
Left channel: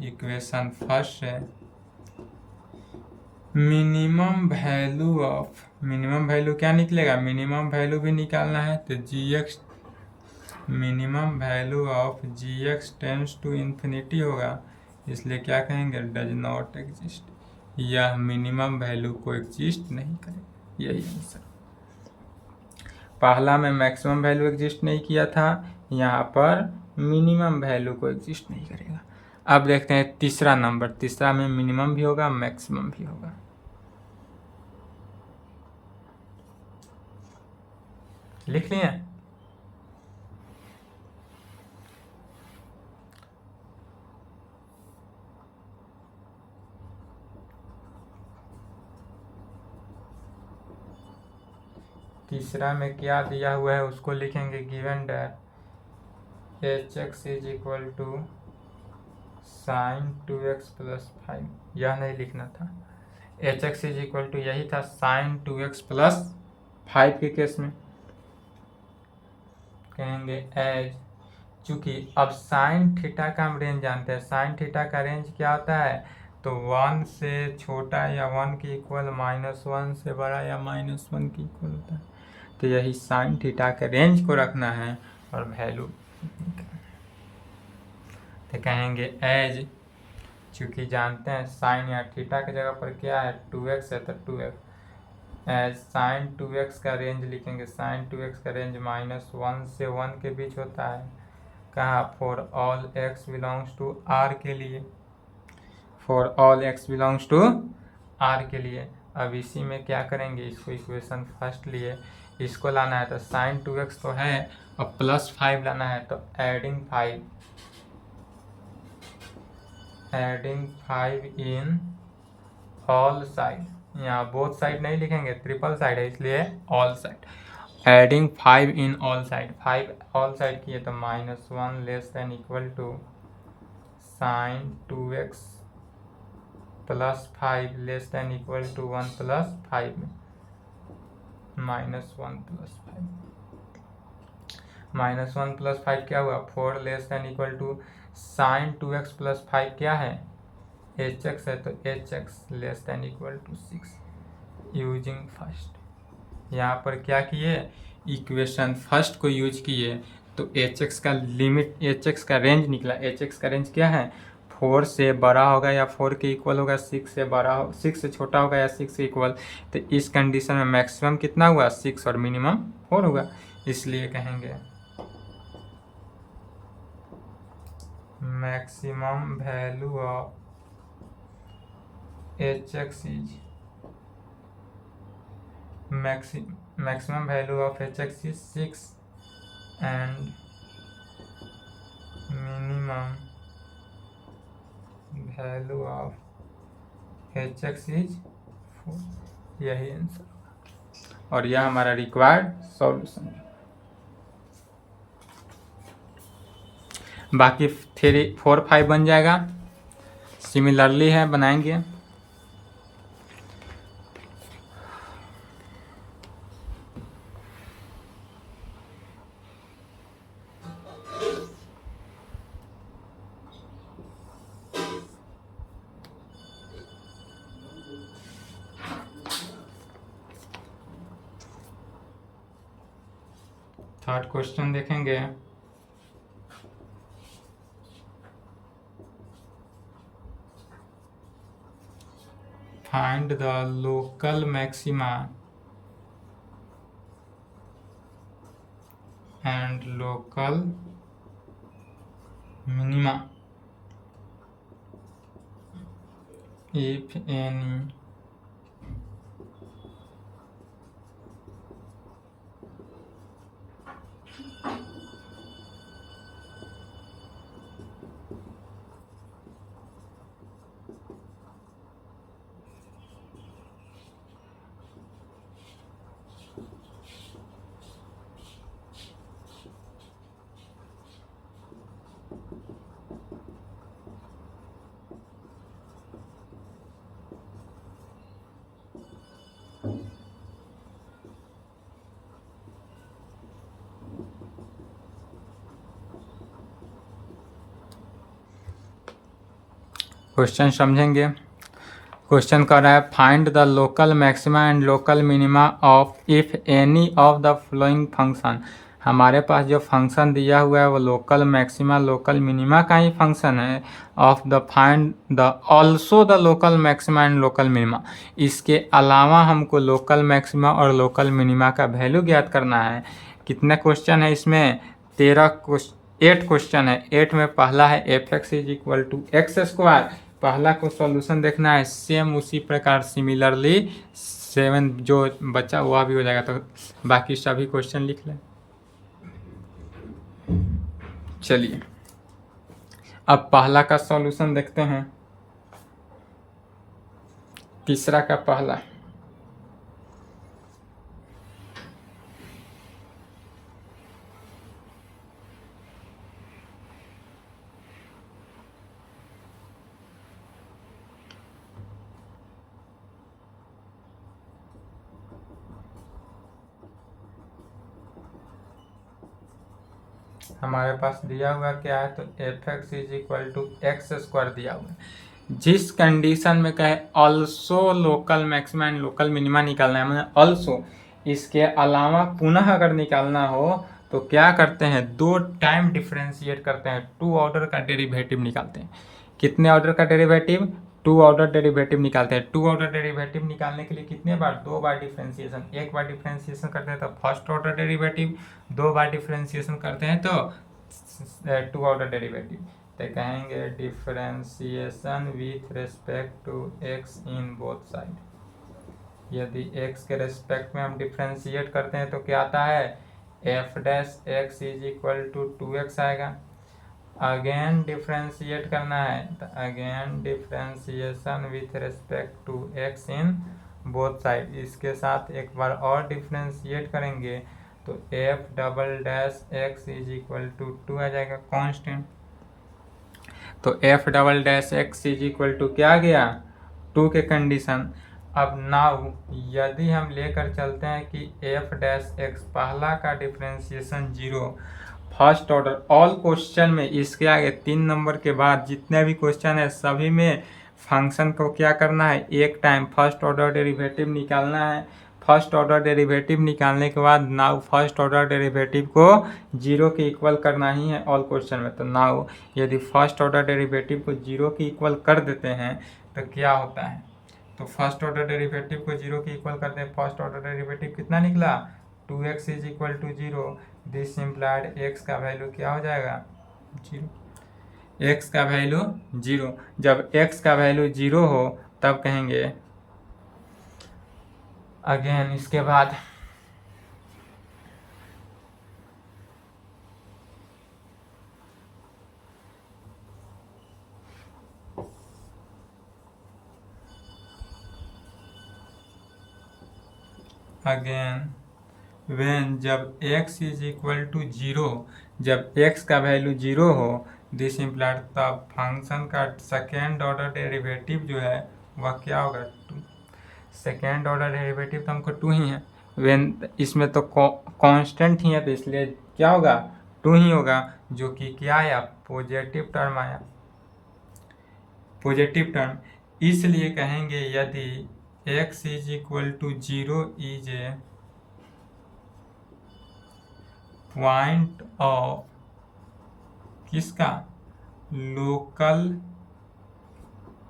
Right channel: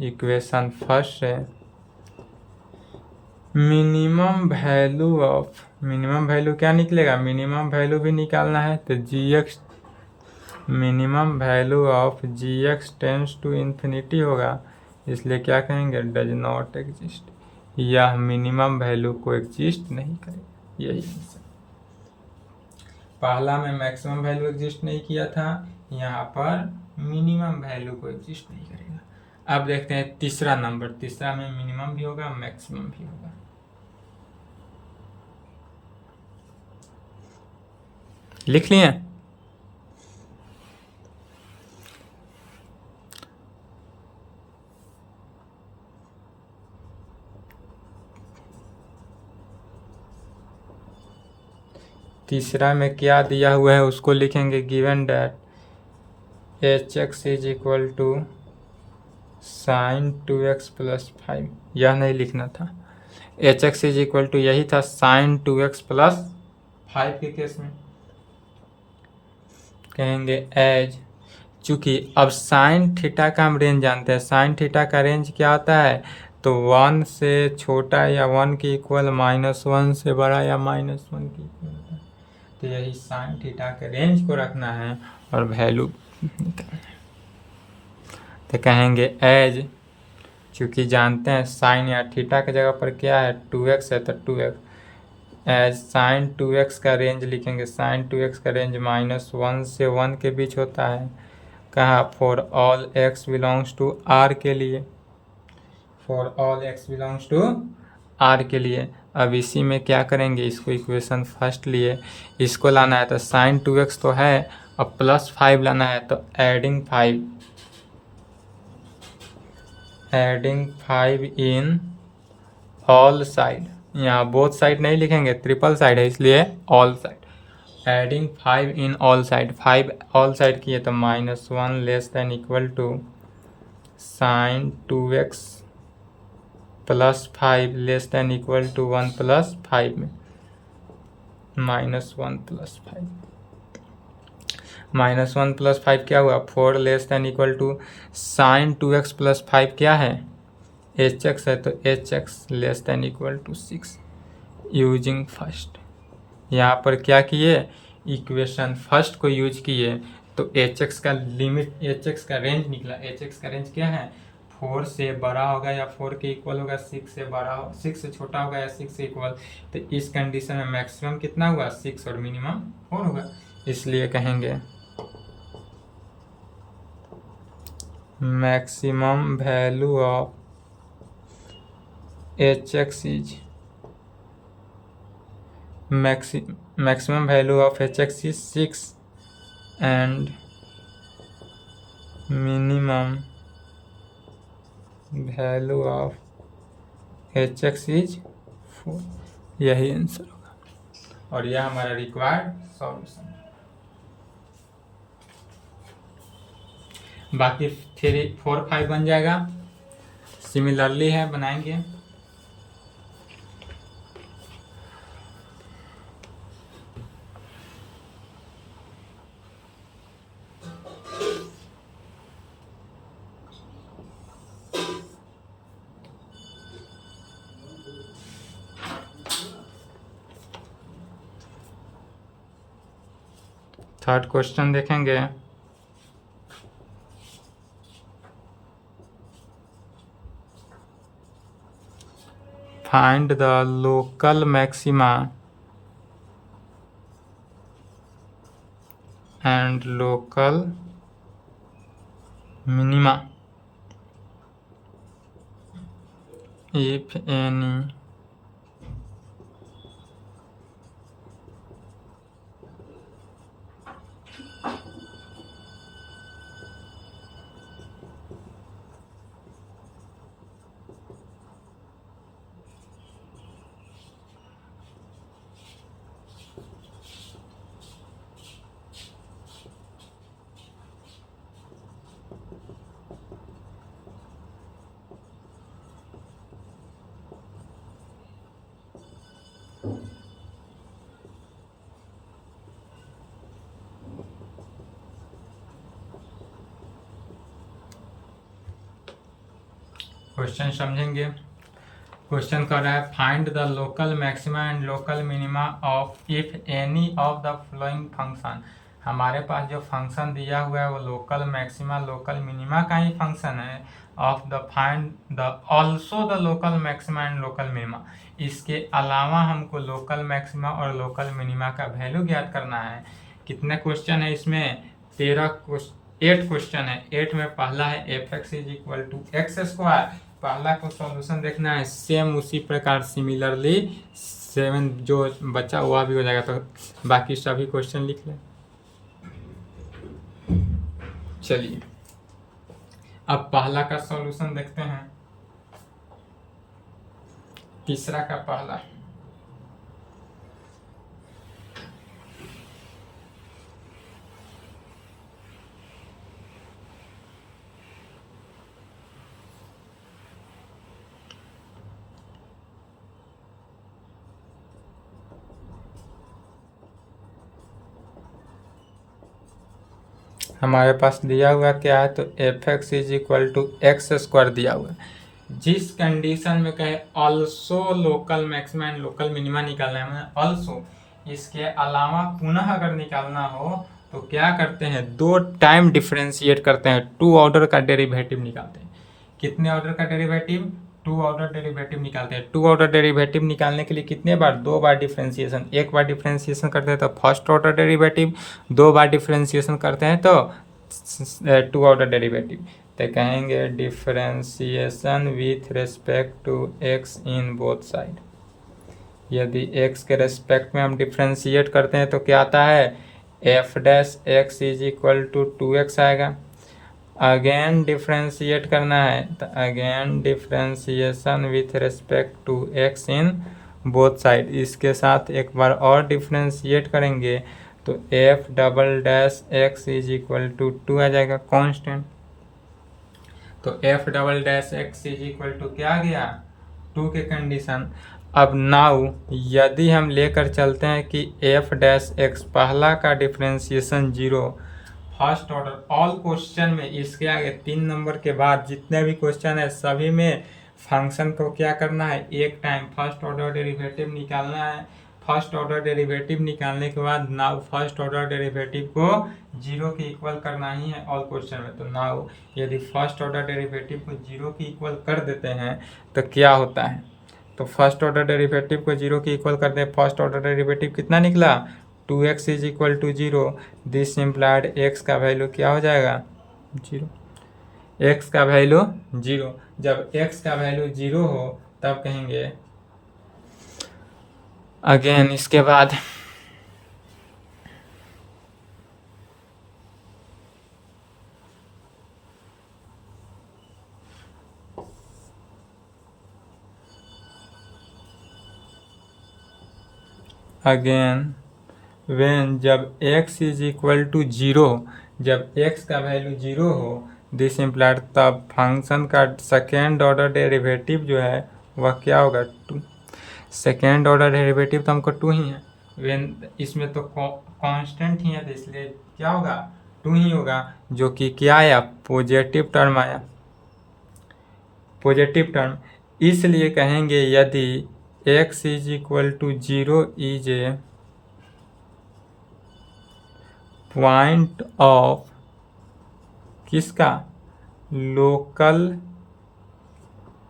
इक्वेशन फर्स्ट से minimum value of, minimum value क्या निकलेगा, मिनिमम वैल्यू भी निकालना है तो gx, minimum value of gx tends to infinity होगा, इसलिए क्या कहेंगे, डज नॉट एग्जिस्ट, यह मिनिमम वैल्यू को एग्जिस्ट नहीं करेगा, यही आंसर। पहला में मैक्सिमम वैल्यू एग्जिस्ट नहीं किया था, यहाँ पर मिनिमम वैल्यू को एग्जिस्ट नहीं करेगा। अब देखते हैं तीसरा नंबर, तीसरा में मिनिमम भी होगा मैक्सिमम भी होगा। लिख लिए, तीसरा में क्या दिया हुआ है उसको लिखेंगे, given that hx is equal to sin 2x plus 5, यह नहीं लिखना था, hx इज इक्वल टू यही था sin 2x प्लस 5 के केस में। कहेंगे एज, चूंकि अब साइन थीटा का हम रेंज जानते हैं, साइन थीटा का रेंज क्या होता है, तो 1 से छोटा या 1 के इक्वल, -1 से बड़ा या -1 के इक्वल होता है। तो यही साइन थीटा के रेंज को रखना है और वैल्यू तो कहेंगे एज, चूँकि जानते हैं साइन या थीटा की जगह पर क्या है 2x है, तो 2x एज साइन 2x का रेंज लिखेंगे, साइन 2x का रेंज -1 से 1 के बीच होता है। कहा for all x belongs to r के लिए, for all x belongs to r के लिए। अब इसी में क्या करेंगे, इसको इक्वेशन फर्स्ट लिए, इसको लाना है तो साइन 2x तो है, अब +5 लाना है तो एडिंग 5 इन ऑल साइड, यहाँ बोथ साइड नहीं लिखेंगे, ट्रिपल साइड है इसलिए all side, adding 5 in all side, 5 all side किए तो -1 less than equal to sine 2x +5 less than equal to 1 + 5 में -1 + 5, -1 + 5 क्या हुआ 4 less than equal to sine 2x + 5 क्या है hx है, तो hx less than equal to 6 using first. यहाँ पर क्या किए, इक्वेशन फर्स्ट को यूज किए तो hx का लिमिट, hx का रेंज निकला, hx का रेंज क्या है 4 से बड़ा होगा या 4 के इक्वल होगा, 6 से बड़ा हो, 6 से छोटा होगा या 6 से इक्वल। तो इस कंडीशन में मैक्सिमम कितना हुआ 6 और मिनिमम 4 होगा, इसलिए कहेंगे maximum value of hx is, maximum value of hx is 6 and minimum value of hx is 4, यही आंसर होगा और यह हमारा रिक्वायर्ड सॉल्यूशन है। बाकी 3 4 5 बन जाएगा, सिमिलरली है बनाएंगे। थर्ड क्वेश्चन देखेंगे, find the local maxima and local minima if any question समझेंगे। क्वेश्चन कर रहा है find the local maxima and local minima of if any of the flowing function. हमारे पास जो फंक्शन दिया हुआ है वो लोकल मैक्सिमा लोकल मिनिमा का ही फंक्शन है, of the find the also the local maxima and local minima. इसके अलावा हमको लोकल मैक्सिमा और लोकल मिनिमा का वैल्यू ज्ञात करना है। कितना क्वेश्चन है इसमें 8 क्वेश्चन है। 8 में पहला है f(x) = x², पहला को सॉल्यूशन देखना है। सेम उसी प्रकार सिमिलरली 7 जो बचा हुआ भी हो जाएगा, तो बाकी सभी क्वेश्चन लिख लें। चलिए अब पहला का सॉल्यूशन देखते हैं, तीसरा का पहला। हमारे पास दिया हुआ क्या है, तो f x is equal to x square दिया हुआ है। जिस कंडीशन में कहे also local maxima and local minima निकालना है, मतलब ऑल्सो इसके अलावा पुनः अगर निकालना हो तो क्या करते हैं, 2 टाइम डिफ्रेंशिएट करते हैं, 2 ऑर्डर का डेरिवेटिव निकालते हैं। कितने ऑर्डर का डेरिवेटिव, 2 ऑर्डर डेरिवेटिव निकालते हैं। 2 ऑर्डर डेरिवेटिव निकालने के लिए कितने बार, 2 बार डिफ्रेंशिएशन, एक बार डिफ्रेंशिएशन करते हैं तो फर्स्ट ऑर्डर डेरिवेटिव, 2 बार डिफ्रेंशिएशन करते हैं तो 2 ऑर्डर डेरिवेटिव। तो कहेंगे differentiation with respect to x in both side. यदि एक्स के रेस्पेक्ट में हम डिफ्रेंशिएट करते हैं तो क्या आता है, f dash x is equal to 2x आएगा। अगेन डिफ्रेंशिएट करना है तो again differentiation with respect to x in both side. इसके साथ एक बार और डिफ्रेंशिएट करेंगे तो f double dash x is equal to 2 आ जाएगा कांस्टेंट। तो f double dash x is equal to क्या आ गया, 2 के कंडीशन। अब नाउ यदि हम लेकर चलते हैं कि एफ डैश एक्स पहला का differentiation 0, first order all question में इसके आगे 3 नंबर के बाद जितने भी क्वेश्चन है सभी में फंक्शन को क्या करना है, एक टाइम फर्स्ट ऑर्डर डेरिवेटिव निकालना है। फर्स्ट ऑर्डर डेरिवेटिव निकालने के बाद नाउ फर्स्ट ऑर्डर डेरिवेटिव को 0 के इक्वल करना ही है ऑल क्वेश्चन में। तो नाउ यदि फर्स्ट ऑर्डर डेरिवेटिव को 0 के इक्वल कर देते हैं तो क्या होता है, तो फर्स्ट ऑर्डर डेरिवेटिव को 0 के इक्वल कर दे, फर्स्ट ऑर्डर डेरिवेटिव कितना निकला, 2x is equal to 0। This implied x का वैल्यू क्या हो जाएगा, 0। x का वैल्यू 0, जब x का वैल्यू 0 हो तब कहेंगे अगेन इसके बाद अगेन व्हेन जब x इज इक्वल टू 0, जब x का वैल्यू 0 हो दिस इम्प्लाइड तब फंक्शन का सेकेंड ऑर्डर डेरिवेटिव जो है वह क्या होगा, 2। सेकेंड ऑर्डर डेरिवेटिव तो हमको 2 ही है, व्हेन इसमें तो कांस्टेंट ही है तो इसलिए क्या होगा, 2 ही होगा, जो कि क्या आया, पॉजिटिव टर्म आया, पॉजिटिव टर्म। इसलिए कहेंगे यदि x is equal to 0 is a point of किसका, local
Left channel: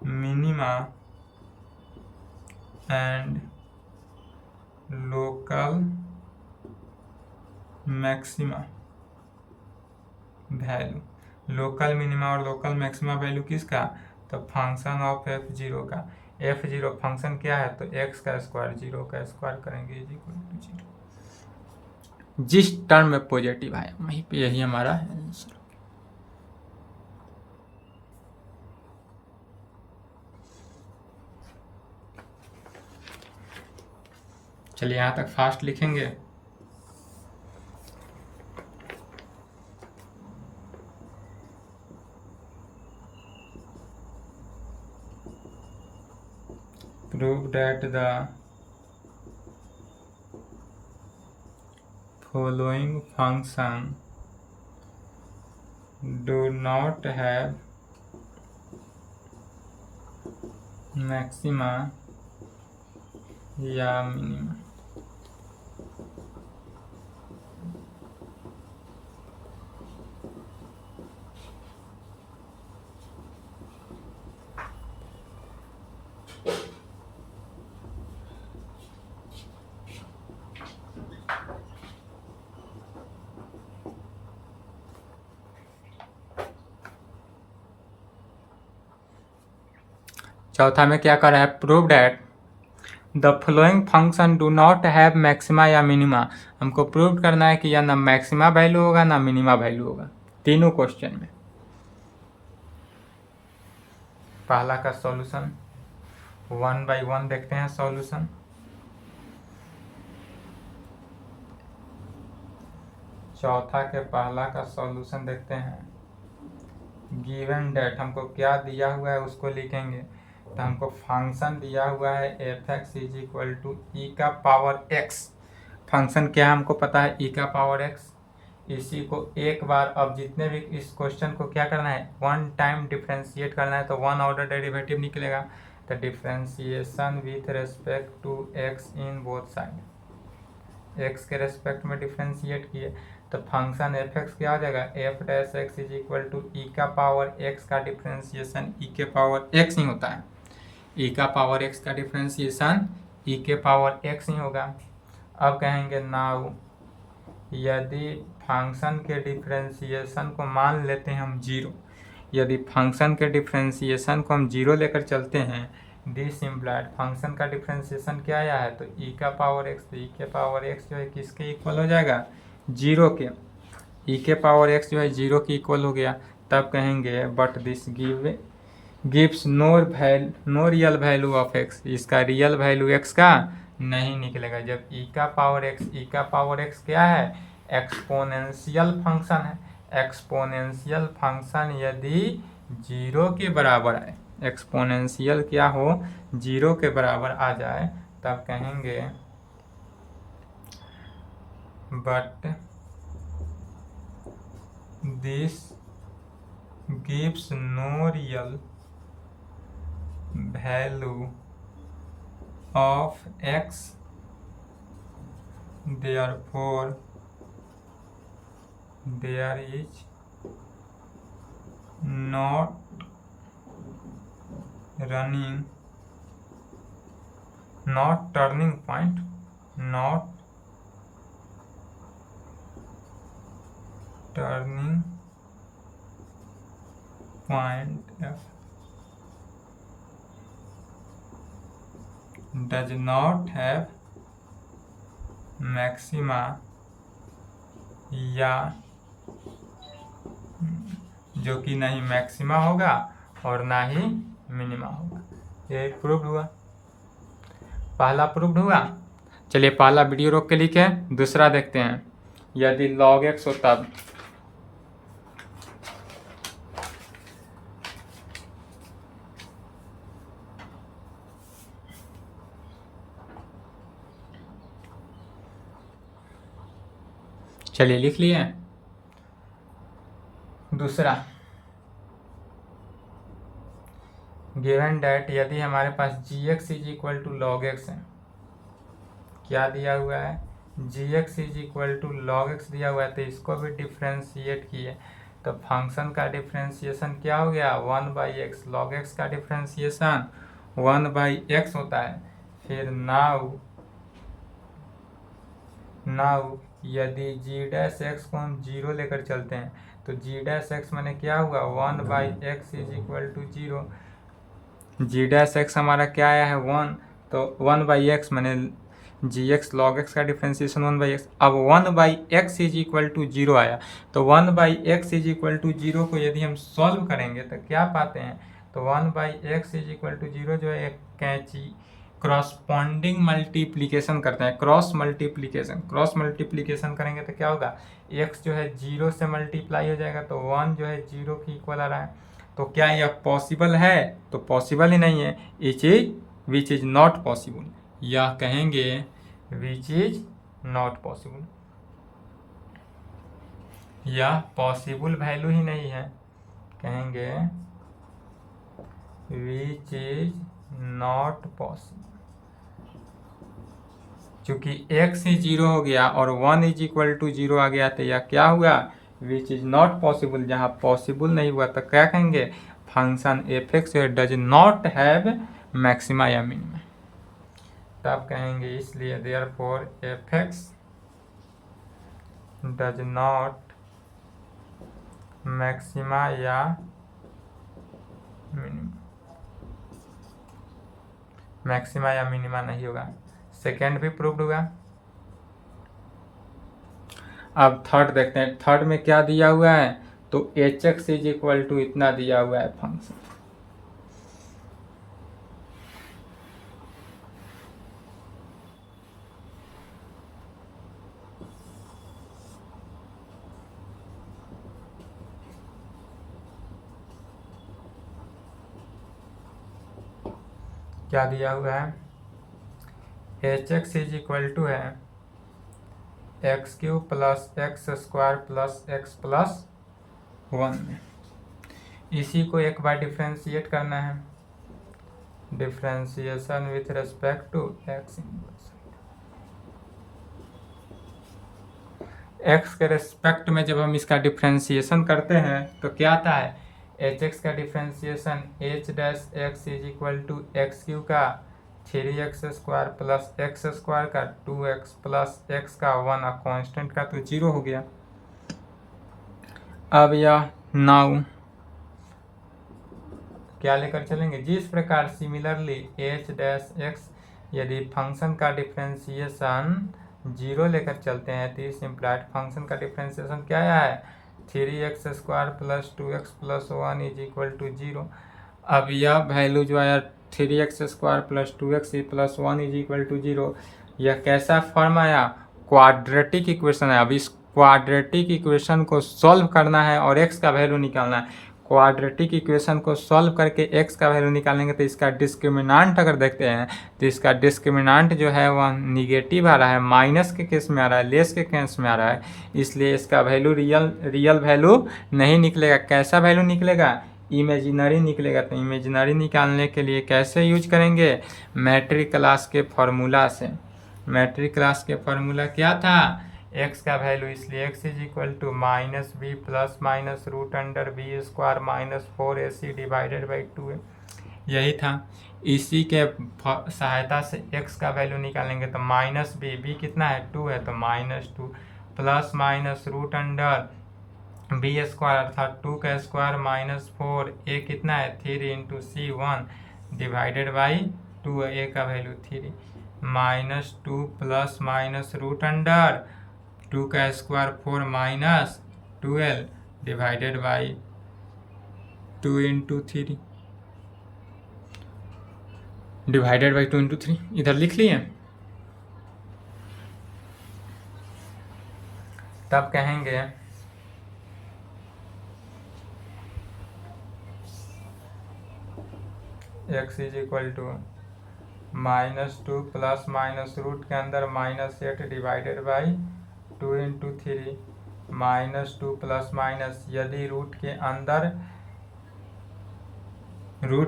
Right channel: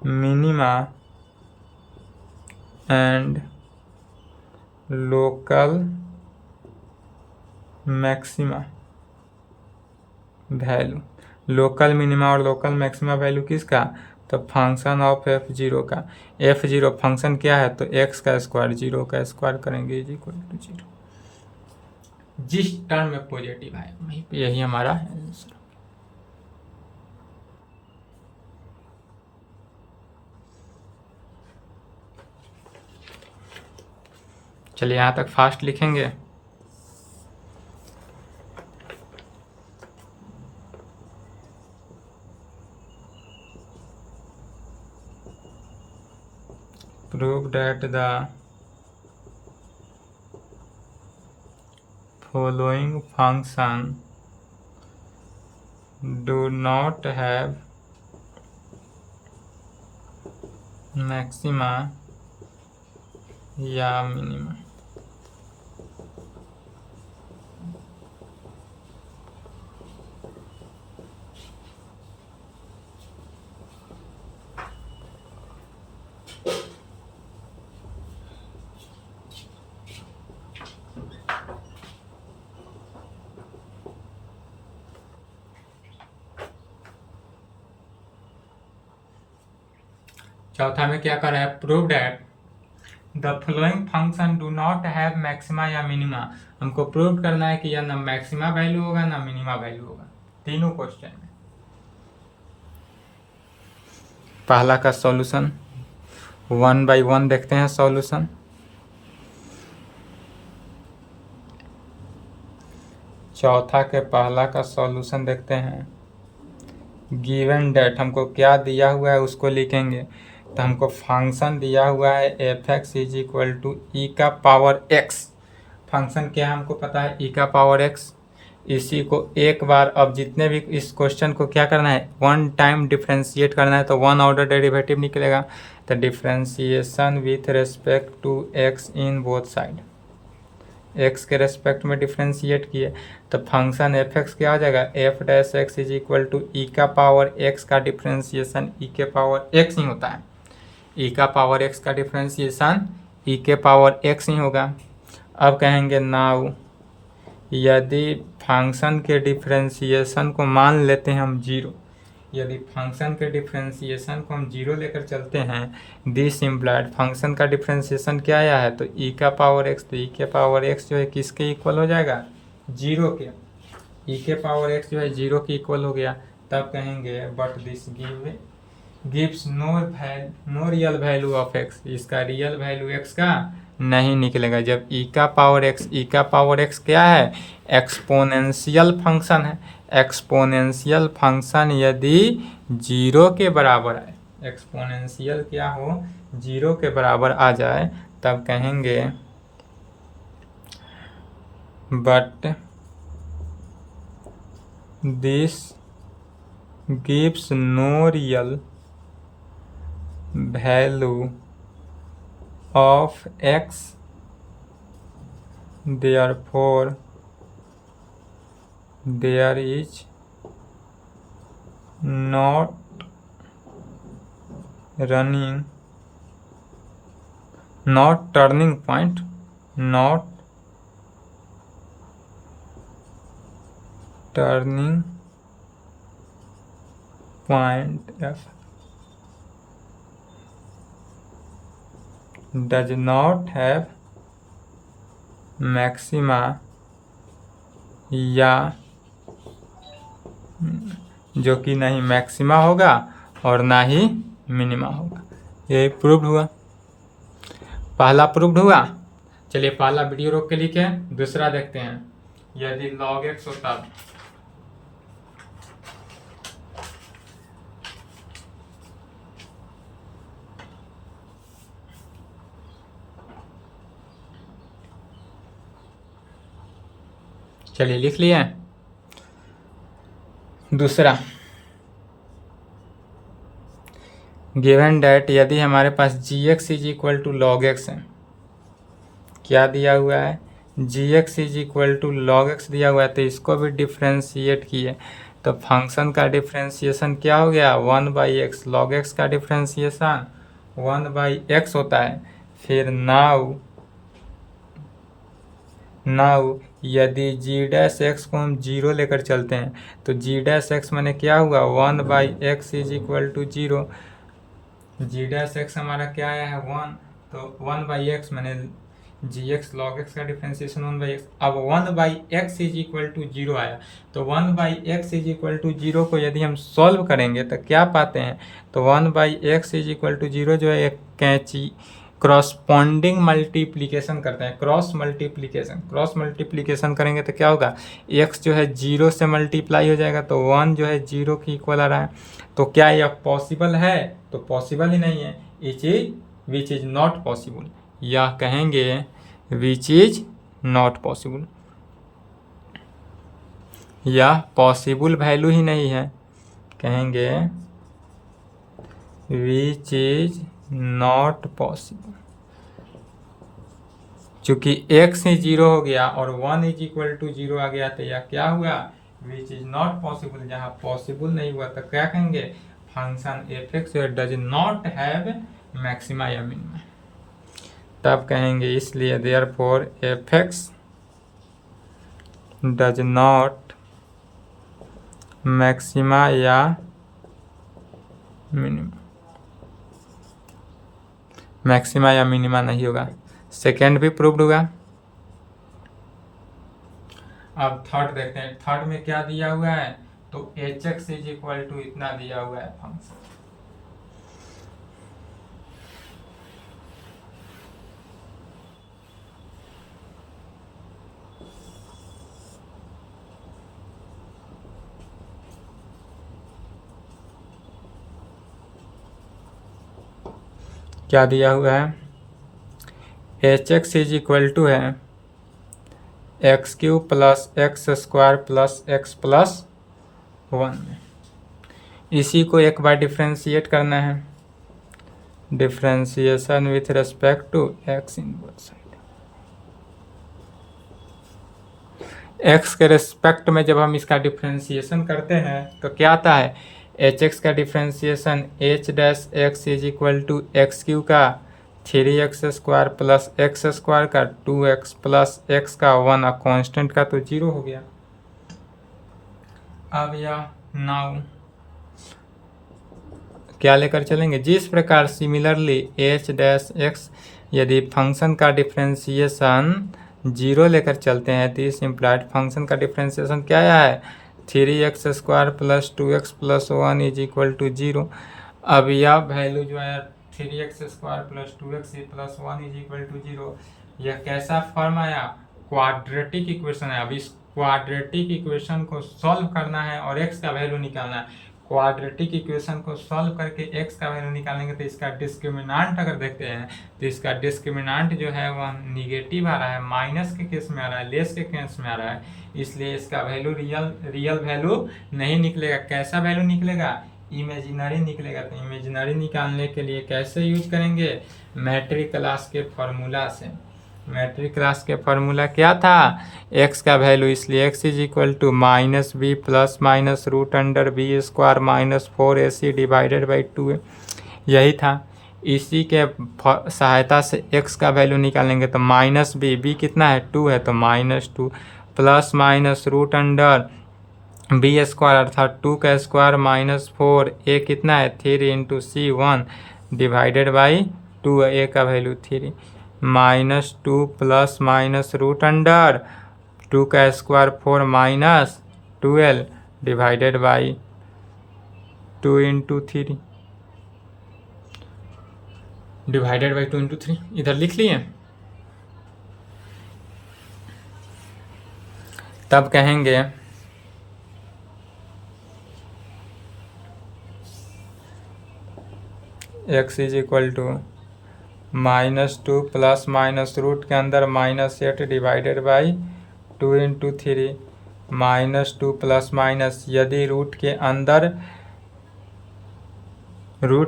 minima and local maxima value. Local minima और लोकल मैक्सिमा वैल्यू किसका, तो फंक्शन ऑफ f0 का। f0 फंक्शन क्या है, तो x का स्क्वायर, 0 का स्क्वायर करेंगे इज इक्वल टू 0। जिस टर्म में पॉजिटिव आया वहीं पे यही हमारा आंसर हो गया। चलिए यहाँ तक फास्ट लिखेंगे। Prove that the following function do not have maxima या मिनिमा। चौथा में क्या कर रहा है, prove that the following function do not have maxima या मिनिमा। हमको प्रूव करना है कि या ना मैक्सिमा वैल्यू होगा ना मिनिमा वैल्यू होगा तीनों क्वेश्चन में। पहला का सॉल्यूशन 1 बाई 1 देखते हैं सॉल्यूशन। चौथा के पहला का सॉल्यूशन देखते हैं। गिवन डेट हमको क्या दिया हुआ है उसको लिखेंगे। तो हमको फंक्शन दिया हुआ है F x is equal to E का पावर एक्स। फंक्शन क्या है हमको पता है, ई का पावर एक्स। इसी को एक बार, अब जितने भी इस क्वेश्चन को क्या करना है, वन टाइम डिफ्रेंशिएट करना है, तो वन ऑर्डर डेरिवेटिव निकलेगा। तो differentiation with respect to x in both side, X के रेस्पेक्ट में डिफ्रेंशिएट किए तो फंक्शन एफ एक्स क्या आ जाएगा, F dash x is equal to E का पावर एक्स का डिफ्रेंशिएशन ई के पावर एक्स ही होता है। ई का पावर एक्स का डिफ्रेंशिएशन ई के पावर एक्स ही होगा। अब कहेंगे नाउ यदि फंक्शन के डिफ्रेंशिएशन को मान लेते हैं हम जीरो, यदि फंक्शन के डिफ्रेंशिएशन को हम जीरो लेकर चलते हैं, दिस इम्प्लाइड फंक्शन का डिफ्रेंशिएशन क्या आया है, तो ई का पावर एक्स, तो ई के पावर एक्स जो है किसके इक्वल हो जाएगा, जीरो के। ई के पावर एक्स जो है जीरो के इक्वल हो गया। तब कहेंगे but this gives no real value of x, इसका रियल वैल्यू एक्स का नहीं निकलेगा। जब ई का पावर एक्स क्या है, एक्सपोनेंशियल फंक्शन है। एक्सपोनेंशियल फंक्शन यदि जीरो के बराबर है, एक्सपोनेंशियल क्या हो, जीरो के बराबर आ जाए, तब कहेंगे but this gives no real value of x, therefore there is not turning point, not turning point f does not have maxima या जो कि नहीं मैक्सिमा होगा और ना ही मिनिमा होगा। ये प्रूव्ड हुआ, पहला प्रूव्ड हुआ। चलिए पहला वीडियो रोक के लिखे, दूसरा देखते हैं। यदि log x हो तब चलिए लिख लिए। दूसरा, गिवन डेट यदि हमारे पास G X is equal to log X है, क्या दिया हुआ है, G X is equal to log X दिया हुआ है, तो इसको भी डिफ्रेंशिएट किए तो फंक्शन का डिफ्रेंशिएशन क्या हो गया, one by x. Log x का डिफ्रेंशिएशन वन बाई एक्स होता है। फिर नाउ यदि जी डैश एक्स को हम जीरो लेकर चलते हैं तो जी डैश एक्स मैंने क्या हुआ, one by x is equal to zero. G dash x हमारा क्या आया है, वन, तो वन बाई एक्स मैंने जी एक्स लॉग एक्स का डिफ्रेंशिएशन वन बाई एक्स। अब one by x is equal to zero आया, तो one by x is equal to zero को यदि हम सॉल्व करेंगे तो क्या पाते हैं, तो one by x is equal to zero जो है एक कैंची क्रॉसपॉन्डिंग मल्टीप्लीकेशन करते हैं, क्रॉस मल्टीप्लीकेशन करेंगे तो क्या होगा, एक्स जो है जीरो से मल्टीप्लाई हो जाएगा, तो वन जो है जीरो की इक्वल आ रहा है। तो क्या यह पॉसिबल है, तो पॉसिबल ही नहीं है। विच इज नॉट पॉसिबल, या कहेंगे विच इज नॉट पॉसिबल, या पॉसिबल वैल्यू ही नहीं है, कहेंगे विच इज नॉट पॉसिबल। चूंकि x ही जीरो हो गया और one is equal to zero आ गया, तो यह क्या हुआ, विच इज नॉट पॉसिबल। जहाँ पॉसिबल नहीं हुआ तो क्या कहेंगे, function F X does not have maxima या मिनिमा। तब कहेंगे इसलिए therefore F X does not maxima या मिनिमा, मैक्सिमा या मिनिमा नहीं होगा। सेकेंड भी प्रूव्ड हुआ। अब थर्ड देखते हैं, थर्ड में क्या दिया हुआ है, तो H X is equal to इतना दिया हुआ है फंक्शन। क्या दिया हुआ है, H X is equal to है X cube plus X square plus X plus 1 में। इसी को एक बार डिफ्रेंशिएट करना है, differentiation with respect to X inverse. X के रेस्पेक्ट में जब हम इसका डिफ्रेंशिएशन करते हैं तो क्या आता है, एच एक्स का differentiation h dash x is equal to x cube का 3x square plus X square का 2x प्लस एक्स का 1 और कॉन्स्टेंट का तो 0 हो गया। अब यह नाउ क्या लेकर चलेंगे, जिस प्रकार सिमिलरली एच डैश एक्स यदि फंक्शन का डिफ्रेंशिएशन 0 लेकर चलते हैं तो इस इम्प्लाइड फंक्शन का डिफ्रेंशिएशन क्या आया है, 3x square plus 2x plus 1 is equal to 0। अब यह वैल्यू जो आया 3x square plus 2x plus 1 is equal to 0, यह कैसा फॉर्म आया, क्वाड्रेटिक इक्वेशन है। अब इस क्वाड्रेटिक इक्वेशन को सॉल्व करना है और x का वैल्यू निकालना है। क्वाड्रेटिक इक्वेशन को सॉल्व करके x का वैल्यू निकालेंगे तो इसका डिस्क्रिमिनांट अगर देखते हैं तो इसका डिस्क्रिमिनांट जो है वह निगेटिव आ रहा है, माइनस के केस में आ रहा है, लेस के केस में आ रहा है, इसलिए इसका वैल्यू रियल वैल्यू नहीं निकलेगा। कैसा वैल्यू निकलेगा, इमेजिनरी निकलेगा। तो इमेजिनरी निकालने के लिए कैसे यूज करेंगे, मैट्रिक क्लास के फॉर्मूला से। मैट्रिक क्लास के फॉर्मूला क्या था, x का वैल्यू, इसलिए x is equal to minus b plus minus root under b square minus 4ac divided by 2a, यही था। इसी के सहायता से x का वैल्यू निकालेंगे तो माइनस बी कितना है 2 है तो minus 2 plus minus root under b square अर्थात 2 का स्क्वायर माइनस 4a कितना है 3 into c 1 divided by 2, a का value 3 minus 2 plus minus root under 2 का square 4 minus 12 divided by 2 into 3 divided by 2 into 3 इधर लिख लिए। तब कहेंगे x is equal to minus 2 plus minus root के अंदर minus 8 divided by 2 into 3 minus 2 plus minus, यदि रूट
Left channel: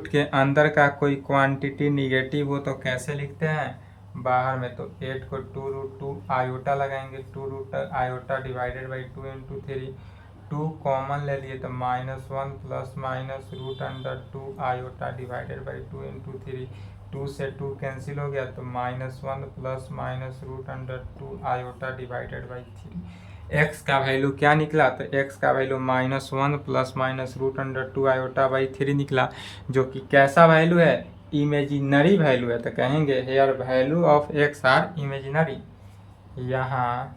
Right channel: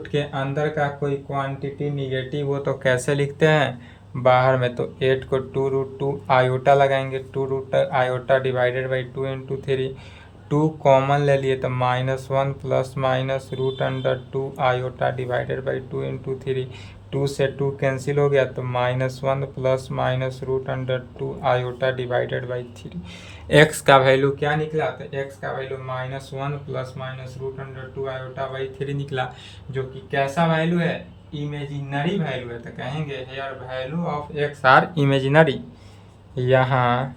के अंदर का कोई क्वांटिटी निगेटिव हो तो कैसे लिखते हैं, बाहर में तो 8 को 2 रूट 2 आयोटा लगाएंगे, 2 root iota divided by 2 into 3, 2 common ले लिए तो minus 1 plus minus root under 2 iota divided by 2 into 3, 2 से 2 कैंसिल हो गया तो minus 1 plus minus root under 2 iota divided by 3। X का वैल्यू क्या निकला, तो एक्स का value minus 1 plus minus root under 2 iota by 3 निकला, जो कि कैसा वैल्यू है, इमेजिनरी वैल्यू है। तो कहेंगे here value of X are imaginary, यहाँ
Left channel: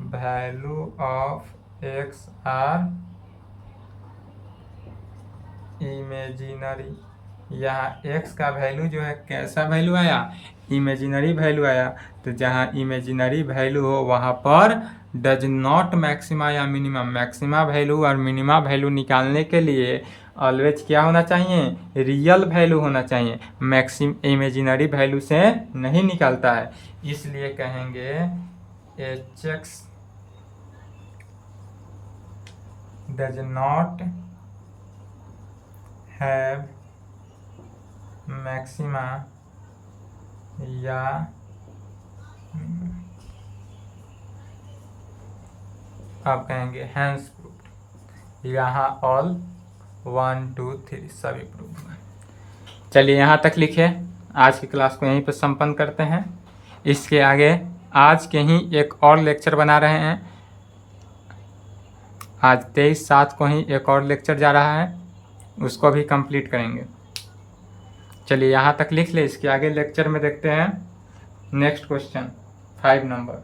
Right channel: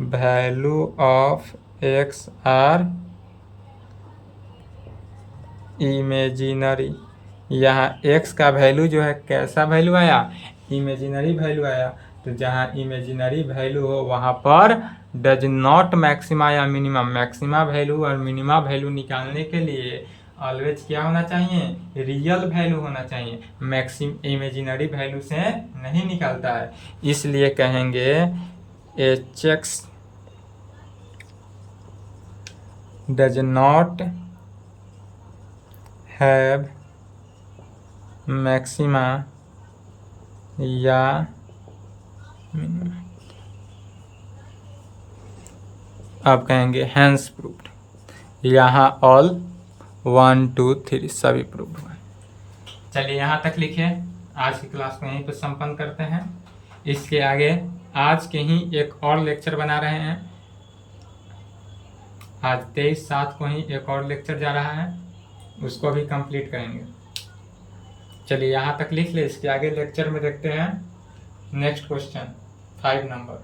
value of X are imaginary. यहाँ x का वैल्यू जो है कैसा वैल्यू आया, इमेजिनरी वैल्यू आया। तो जहाँ इमेजिनरी वैल्यू हो वहाँ पर डज नॉट मैक्सिमा या मिनिमम, मैक्सिमा वैल्यू और मिनिमा वैल्यू निकालने के लिए ऑलवेज क्या होना चाहिए, रियल वैल्यू होना चाहिए, इमेजिनरी वैल्यू से नहीं निकलता है। इसलिए कहेंगे H x does not have maxima या मिनिमा। अब कहेंगे हैंस प्रूव्ड, यहाँ ऑल 1 2 3 सभी प्रूव हुआ। चलिए यहाँ तक लिखे, आज की क्लास को यहीं पर संपन्न करते हैं। इसके आगे आज के ही एक और लेक्चर बना रहे हैं, आज 23/7 को ही एक और लेक्चर जा रहा है, उसको भी कंप्लीट करेंगे। चलिए यहाँ तक लिख ले, इसके आगे लेक्चर में देखते हैं नेक्स्ट क्वेश्चन 5 नंबर।